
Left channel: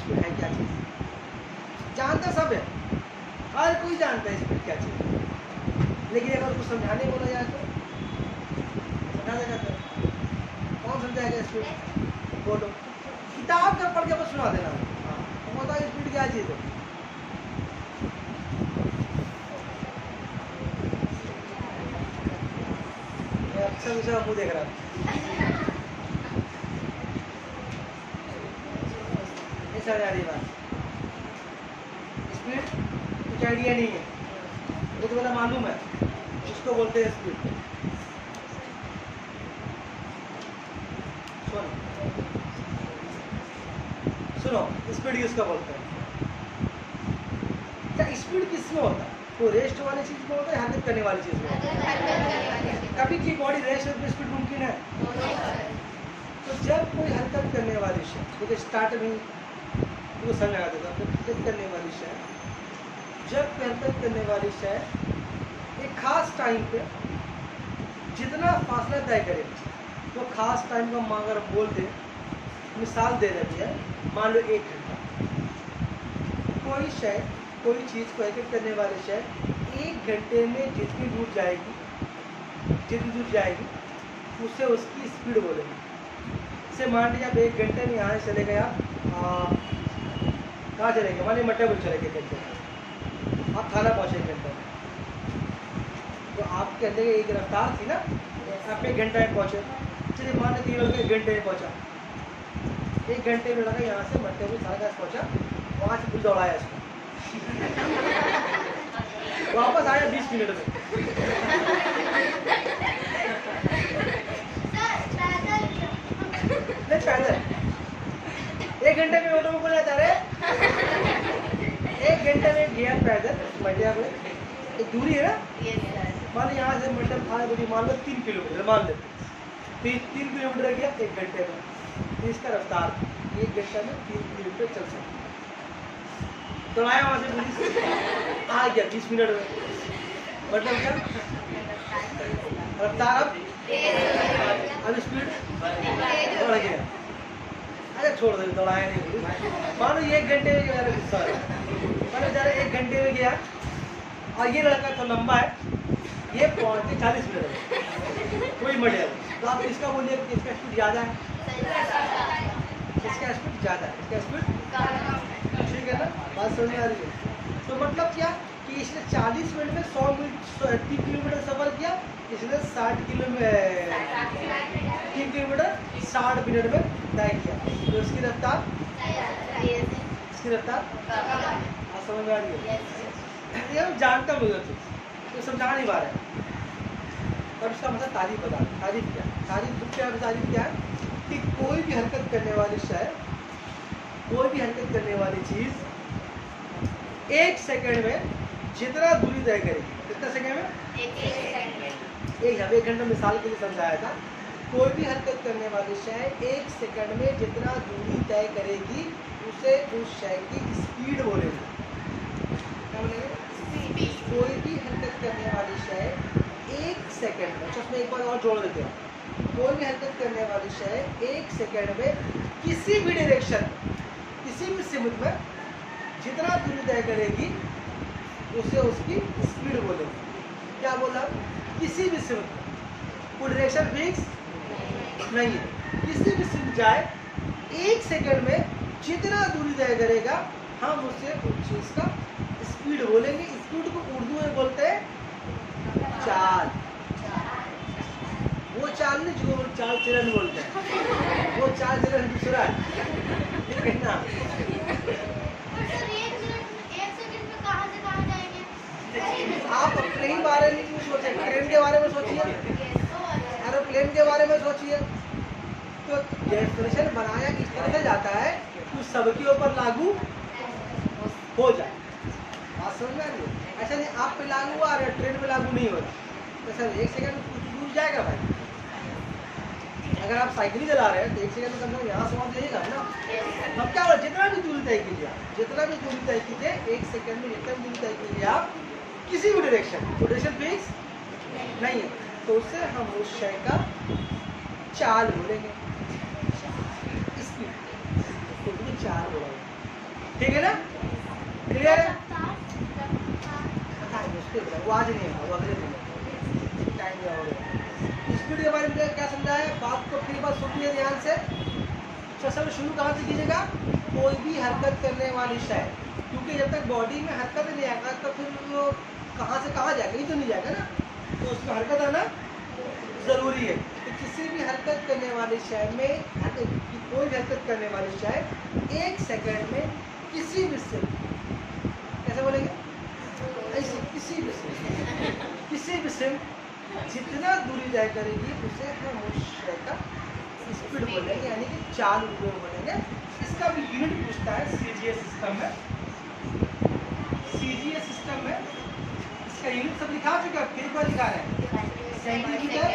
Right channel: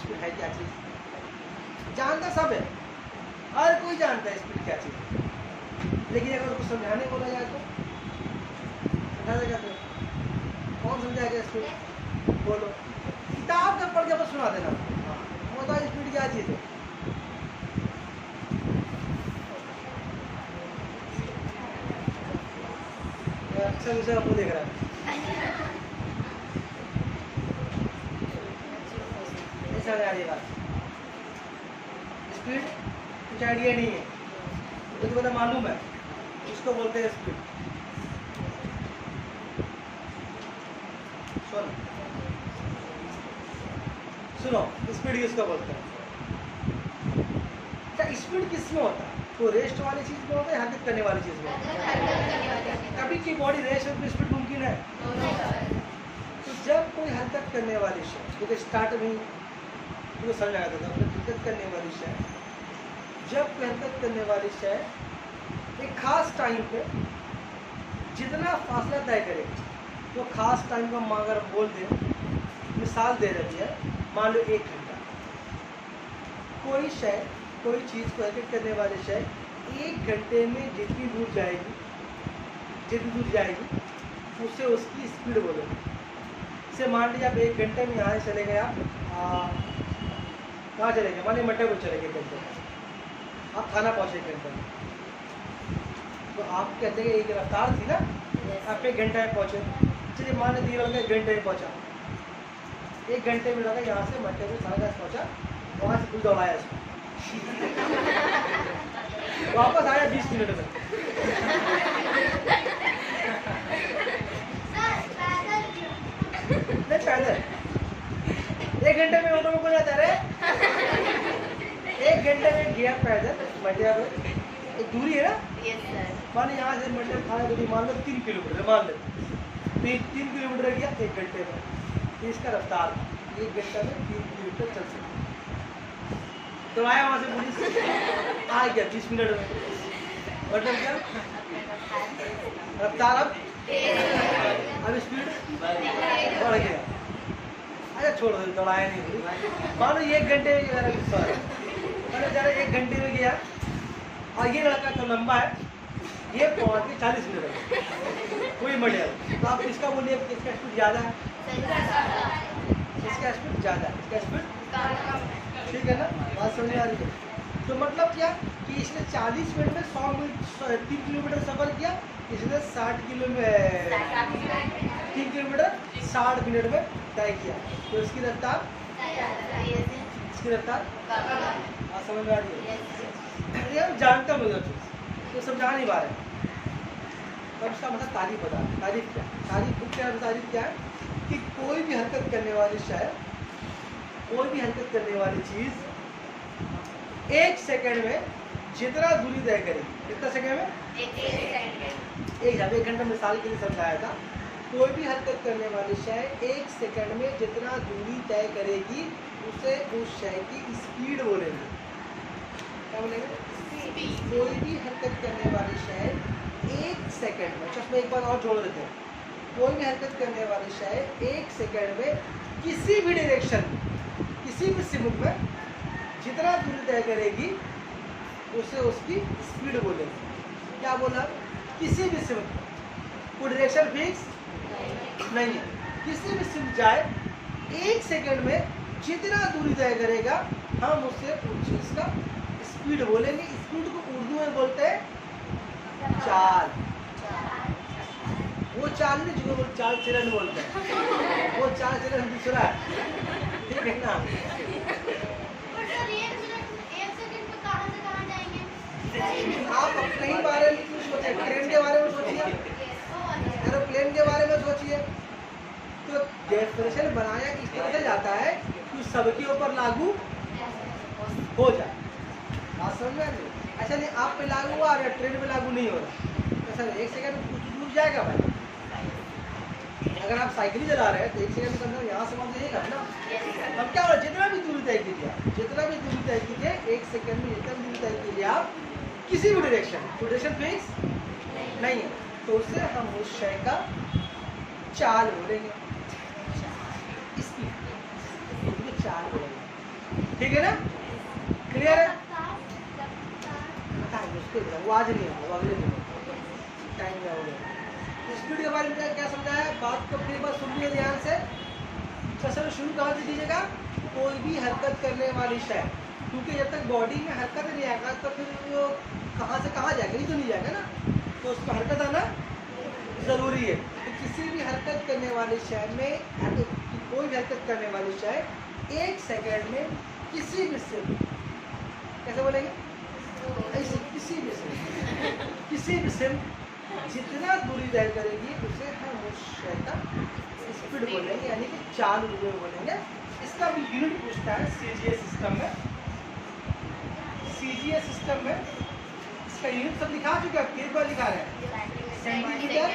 स्पीड है क्या चीज़, जानता सब है, हर कोई जानता है स्पीड क्या चीज़ है, लेकिन अगर उसको समझाने बोला जाए तो समझा देगा, कौन समझाएगा स्पीड, बोलो किताब का पढ़ के बस सुना देना, हाँ बताओ स्पीड क्या चीज़ है। अच्छा दूसरा मुँह देख रहा है, नहीं समझ आ रही बात, स्पीड कुछ आइडिया नहीं है, ये तो मतलब मालूम है, इसको बोलते हैं स्पीड। सुनो स्पीड किसको बोलते हैं, क्या स्पीड किसमें होता है, तो रेस्ट वाली चीज में होता है, हरकत करने वाली चीज में होता है, कभी की बॉडी रेस्ट में स्पीड मुमकिन है। तो जब कोई हरकत करने वाली शय, क्योंकि स्टार्ट में तो समझ आ देता है, हरकत करने वाली शय, जब हरकत करने वाली शय एक खास टाइम पे जितना फासला तय करेगी, तो खास टाइम को हम अगर बोल दें, मिसाल दे रही है, मान लो 1 घंटा, कोई शय कोई चीज़ को हरकत करने वाली शय 1 घंटे में जितनी दूर जाएगी उससे उसकी स्पीड बोलेगी। जैसे मान लीजिए आप 1 घंटे में यहाँ से चले गए, आप कहाँ चले गए, मान लीजिए मट्टे को चले गए 1 घंटे में, आप थाना पहुँचे 1 घंटे में, तो आपके अंदर एक रफ्तार थी ना, आप 1 घंटे में पहुँचे। चलिए मान लीजिए लड़का 1 घंटे में पहुँचा, 1 घंटे में लगा यहाँ से मट्टे में 10:30 पहुँचा, वहाँ से पुल दौड़ाया इसको वापस आया 20 मिनट में। नहीं पैदल 1 घंटे में ऑटो में कौन जाता है? 1 घंटे में गया पैदल मटिया में, एक दूरी है ना, मान लो यहाँ से मटिया थाने दूरी मान लो 3 किलोमीटर मान लेते, तो ये 3 किलोमीटर गया 1 घंटे में, तो इसका रफ्तार 1 घंटा में 3 किलोमीटर चल सकता। दौड़ाया वहाँ से पुलिस आ गया 20 मिनट में, मतलब क्या रफ्तार अब स्पीड बढ़ गया। अरे छोड़ दो, दौड़ाया नहीं, मानो ये 1 घंटे में मेरा गुस्सा है, मैंने ज़रा 1 घंटे में गया और ये लड़का तो लंबा है, ये पहुँच के 40 मिनट में कोई मटिया, तो आप इसका बोलिए इसका स्पीड ज़्यादा है, इसका स्पीड ज़्यादा है, इसका स्पीड ठीक है ना, बात समझ में आ रही है। तो मतलब क्या कि इसने 40 मिनट में 3 किलोमीटर सफर किया, इसने 3 किलोमीटर 60 मिनट में तय किया, तो इसकी रफ्तार समझ में आ रही है। ये हम जानता मुझे तो समझा नहीं पा रहे हैं, पर उसका मतलब तारीफ बता, तारीफ क्या है कि कोई भी हरकत करने वाली शय, कोई भी हरकत करने वाली चीज 1 सेकंड में जितना दूरी तय करेगी, कितना सेकंड में? 1 घंटा मिसाल के लिए समझाया था। कोई भी हरकत करने वाली शय 1 सेकंड में जितना दूरी तय करेगी उसे उस शय की स्पीड बोलेंगे। क्या बोलेंगे? कोई भी हरकत करने वाली शय 1 सेकंड में, उसमें एक बार और जोड़ देते हैं, कोई भी हरकत करने वाली शय 1 सेकंड में किसी भी डायरेक्शन, किसी भी सिमत में जितना दूरी तय करेगी उसे उसकी स्पीड बोलेंगे। क्या बोला? किसी भी सिमत में, कोई डायरेक्शन फिक्स नहीं है, किसी भी सिमत जाए 1 सेकंड में जितना दूरी तय करेगा हम उसे उस चीज का स्पीड बोलेंगे। स्पीड को उर्दू में बोलते हैं चाल। वो चाल नहीं जिसको चाल चलन बोलते हैं, वो चाल चलन दूसरा है, ठीक है ना। आप अपने ही बारे में क्यों सोचे, ट्रेन के बारे में सोचिए, एरोप्लेन के बारे में सोचिए। तो डेफिनेशन बनाया इस तरह से जाता है कि सबके ऊपर लागू हो जाए। बात समझ में आ रही है? अच्छा नहीं, आप पे लागू हुआ और ट्रेन पे लागू नहीं हो रहा, तो सर 1 सेकंड में कुछ दूर जाएगा भाई। अगर आप साइकिल चला रहे हैं तो 1 सेकंड में कम यहाँ से वहाँ जाइएगा ना। हम क्या बोले, जितना भी दूरी तय कीजिए, जितना भी दूरी तय कीजिए 1 सेकंड में जितना भी दूरी तय कीजिए आप किसी भी डायरेक्शन फिक्स नहीं है, तो उससे हम उस शय का चाल बोलेंगे, स्पीड चाल बोलेंगे, ठीक है ना। क्लियर है? बताइए उसको, वो आज नहीं है, वो अगले दिन टाइम दिया हो गया। स्पीड के बारे में क्या समझा है, बात को फिर बात सुनिए ध्यान से। फसल शुरू कहाँ से कीजिएगा? कोई भी हरकत करने वाली शय, क्योंकि जब तक बॉडी में हरकत नहीं आएगा तो फिर वो कहाँ से कहाँ जाएगा, ये तो नहीं जाएगा ना, तो उसमें हरकत आना ज़रूरी है। तो किसी भी हरकत करने वाली शय में, कोई भी हरकत करने वाली शय 1 सेकंड में किसी भी सिम, कैसे बोलेंगे, ऐसे किसी भी सिम जितना दूरी तय करेगी उसे हम उस शय का स्पीड बोलेंगे, यानी कि चाल रूपये बोलेंगे। इसका भी यूनिट पूछता है सीजीएस सिस्टम में। सीजीएस सिस्टम में इसका यूनिट सब लिखा चुके हैं, फिर पर लिखा रहे हैं, सेंटीमीटर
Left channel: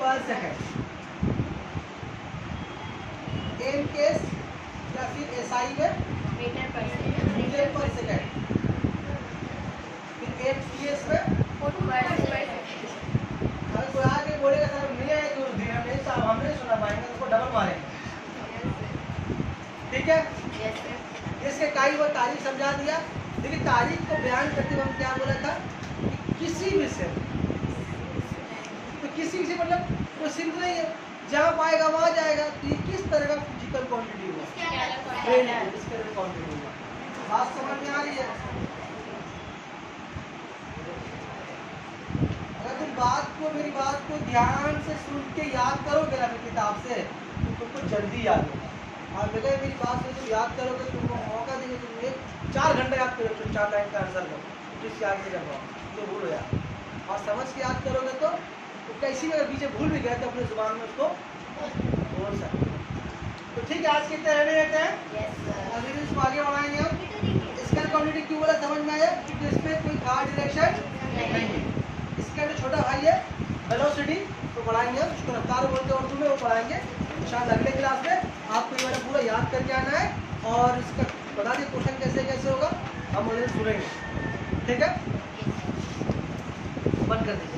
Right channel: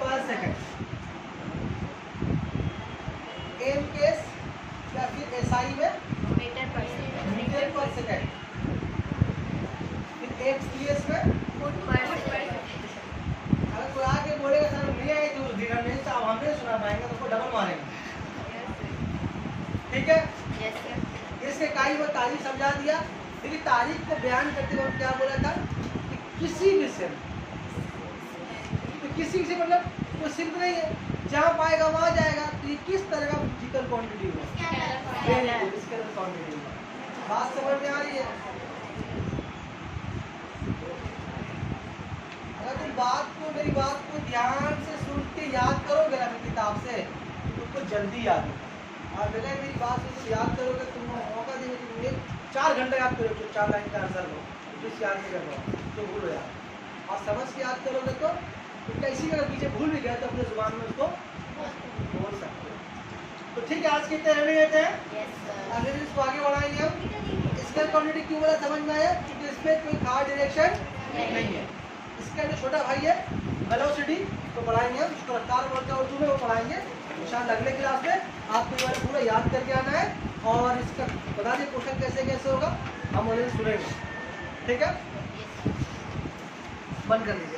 पर सेकंड, एम केस या फिर एसआई में मीटर पर सेकंड, फिर एफसीएस में अगर कोई आके बोलेगा सर नहीं आए तो ध्यान नहीं, साहब हमने सुना पाएंगे तो डबल मारेंगे, ठीक है। इसने कई बार तारीख समझा दिया, लेकिन तारीख को बयान करते वक्त क्या बोला था, किसी भी सिम, तो किसी से मतलब कोई सिम नहीं है, जहाँ पाएगा वहाँ जाएगा, तो ये किस तरह का फिजिकल क्वांटिटी होगा, स्केलर क्वांटिटी होगा। बात समझ में आ रही है? अगर बात को ध्यान से सुन के याद करोगे ना अपनी किताब से तो तुमको जल्दी याद होगा। और बेटा मेरी बात से तुम याद करोगे, तुमको मौका देंगे, तुम 4 घंटे याद करोगे, तुम 4 लाइन का आंसर लो, जिस याद नहीं कर पाओ तो भूल हो जाए। और समझ के याद करोगे तो तुम इसी में पीछे भूल भी गए तो अपने जुबान में उसको बोल सकते हो। तो ठीक है, आज कितने रेडी रहते हैं, अभी इसको आगे बढ़ाएंगे हम। इसका क्वांटिटी क्यों बोला समझ में आया, क्योंकि इसमें कोई खास डायरेक्शन नहीं है। इसका जो छोटा भाई है वेलोसिटी तो पढ़ाएंगे हम, उसको रफ्तार बोलते हैं उर्दू में, वो पढ़ाएंगे इंशाल्लाह अगले क्लास में। आपको ये वाला पूरा याद करके आना है और इसका बता दिए क्वेश्चन कैसे कैसे होगा, हम सुनेंगे। ठीक है, बंद कर दीजिए।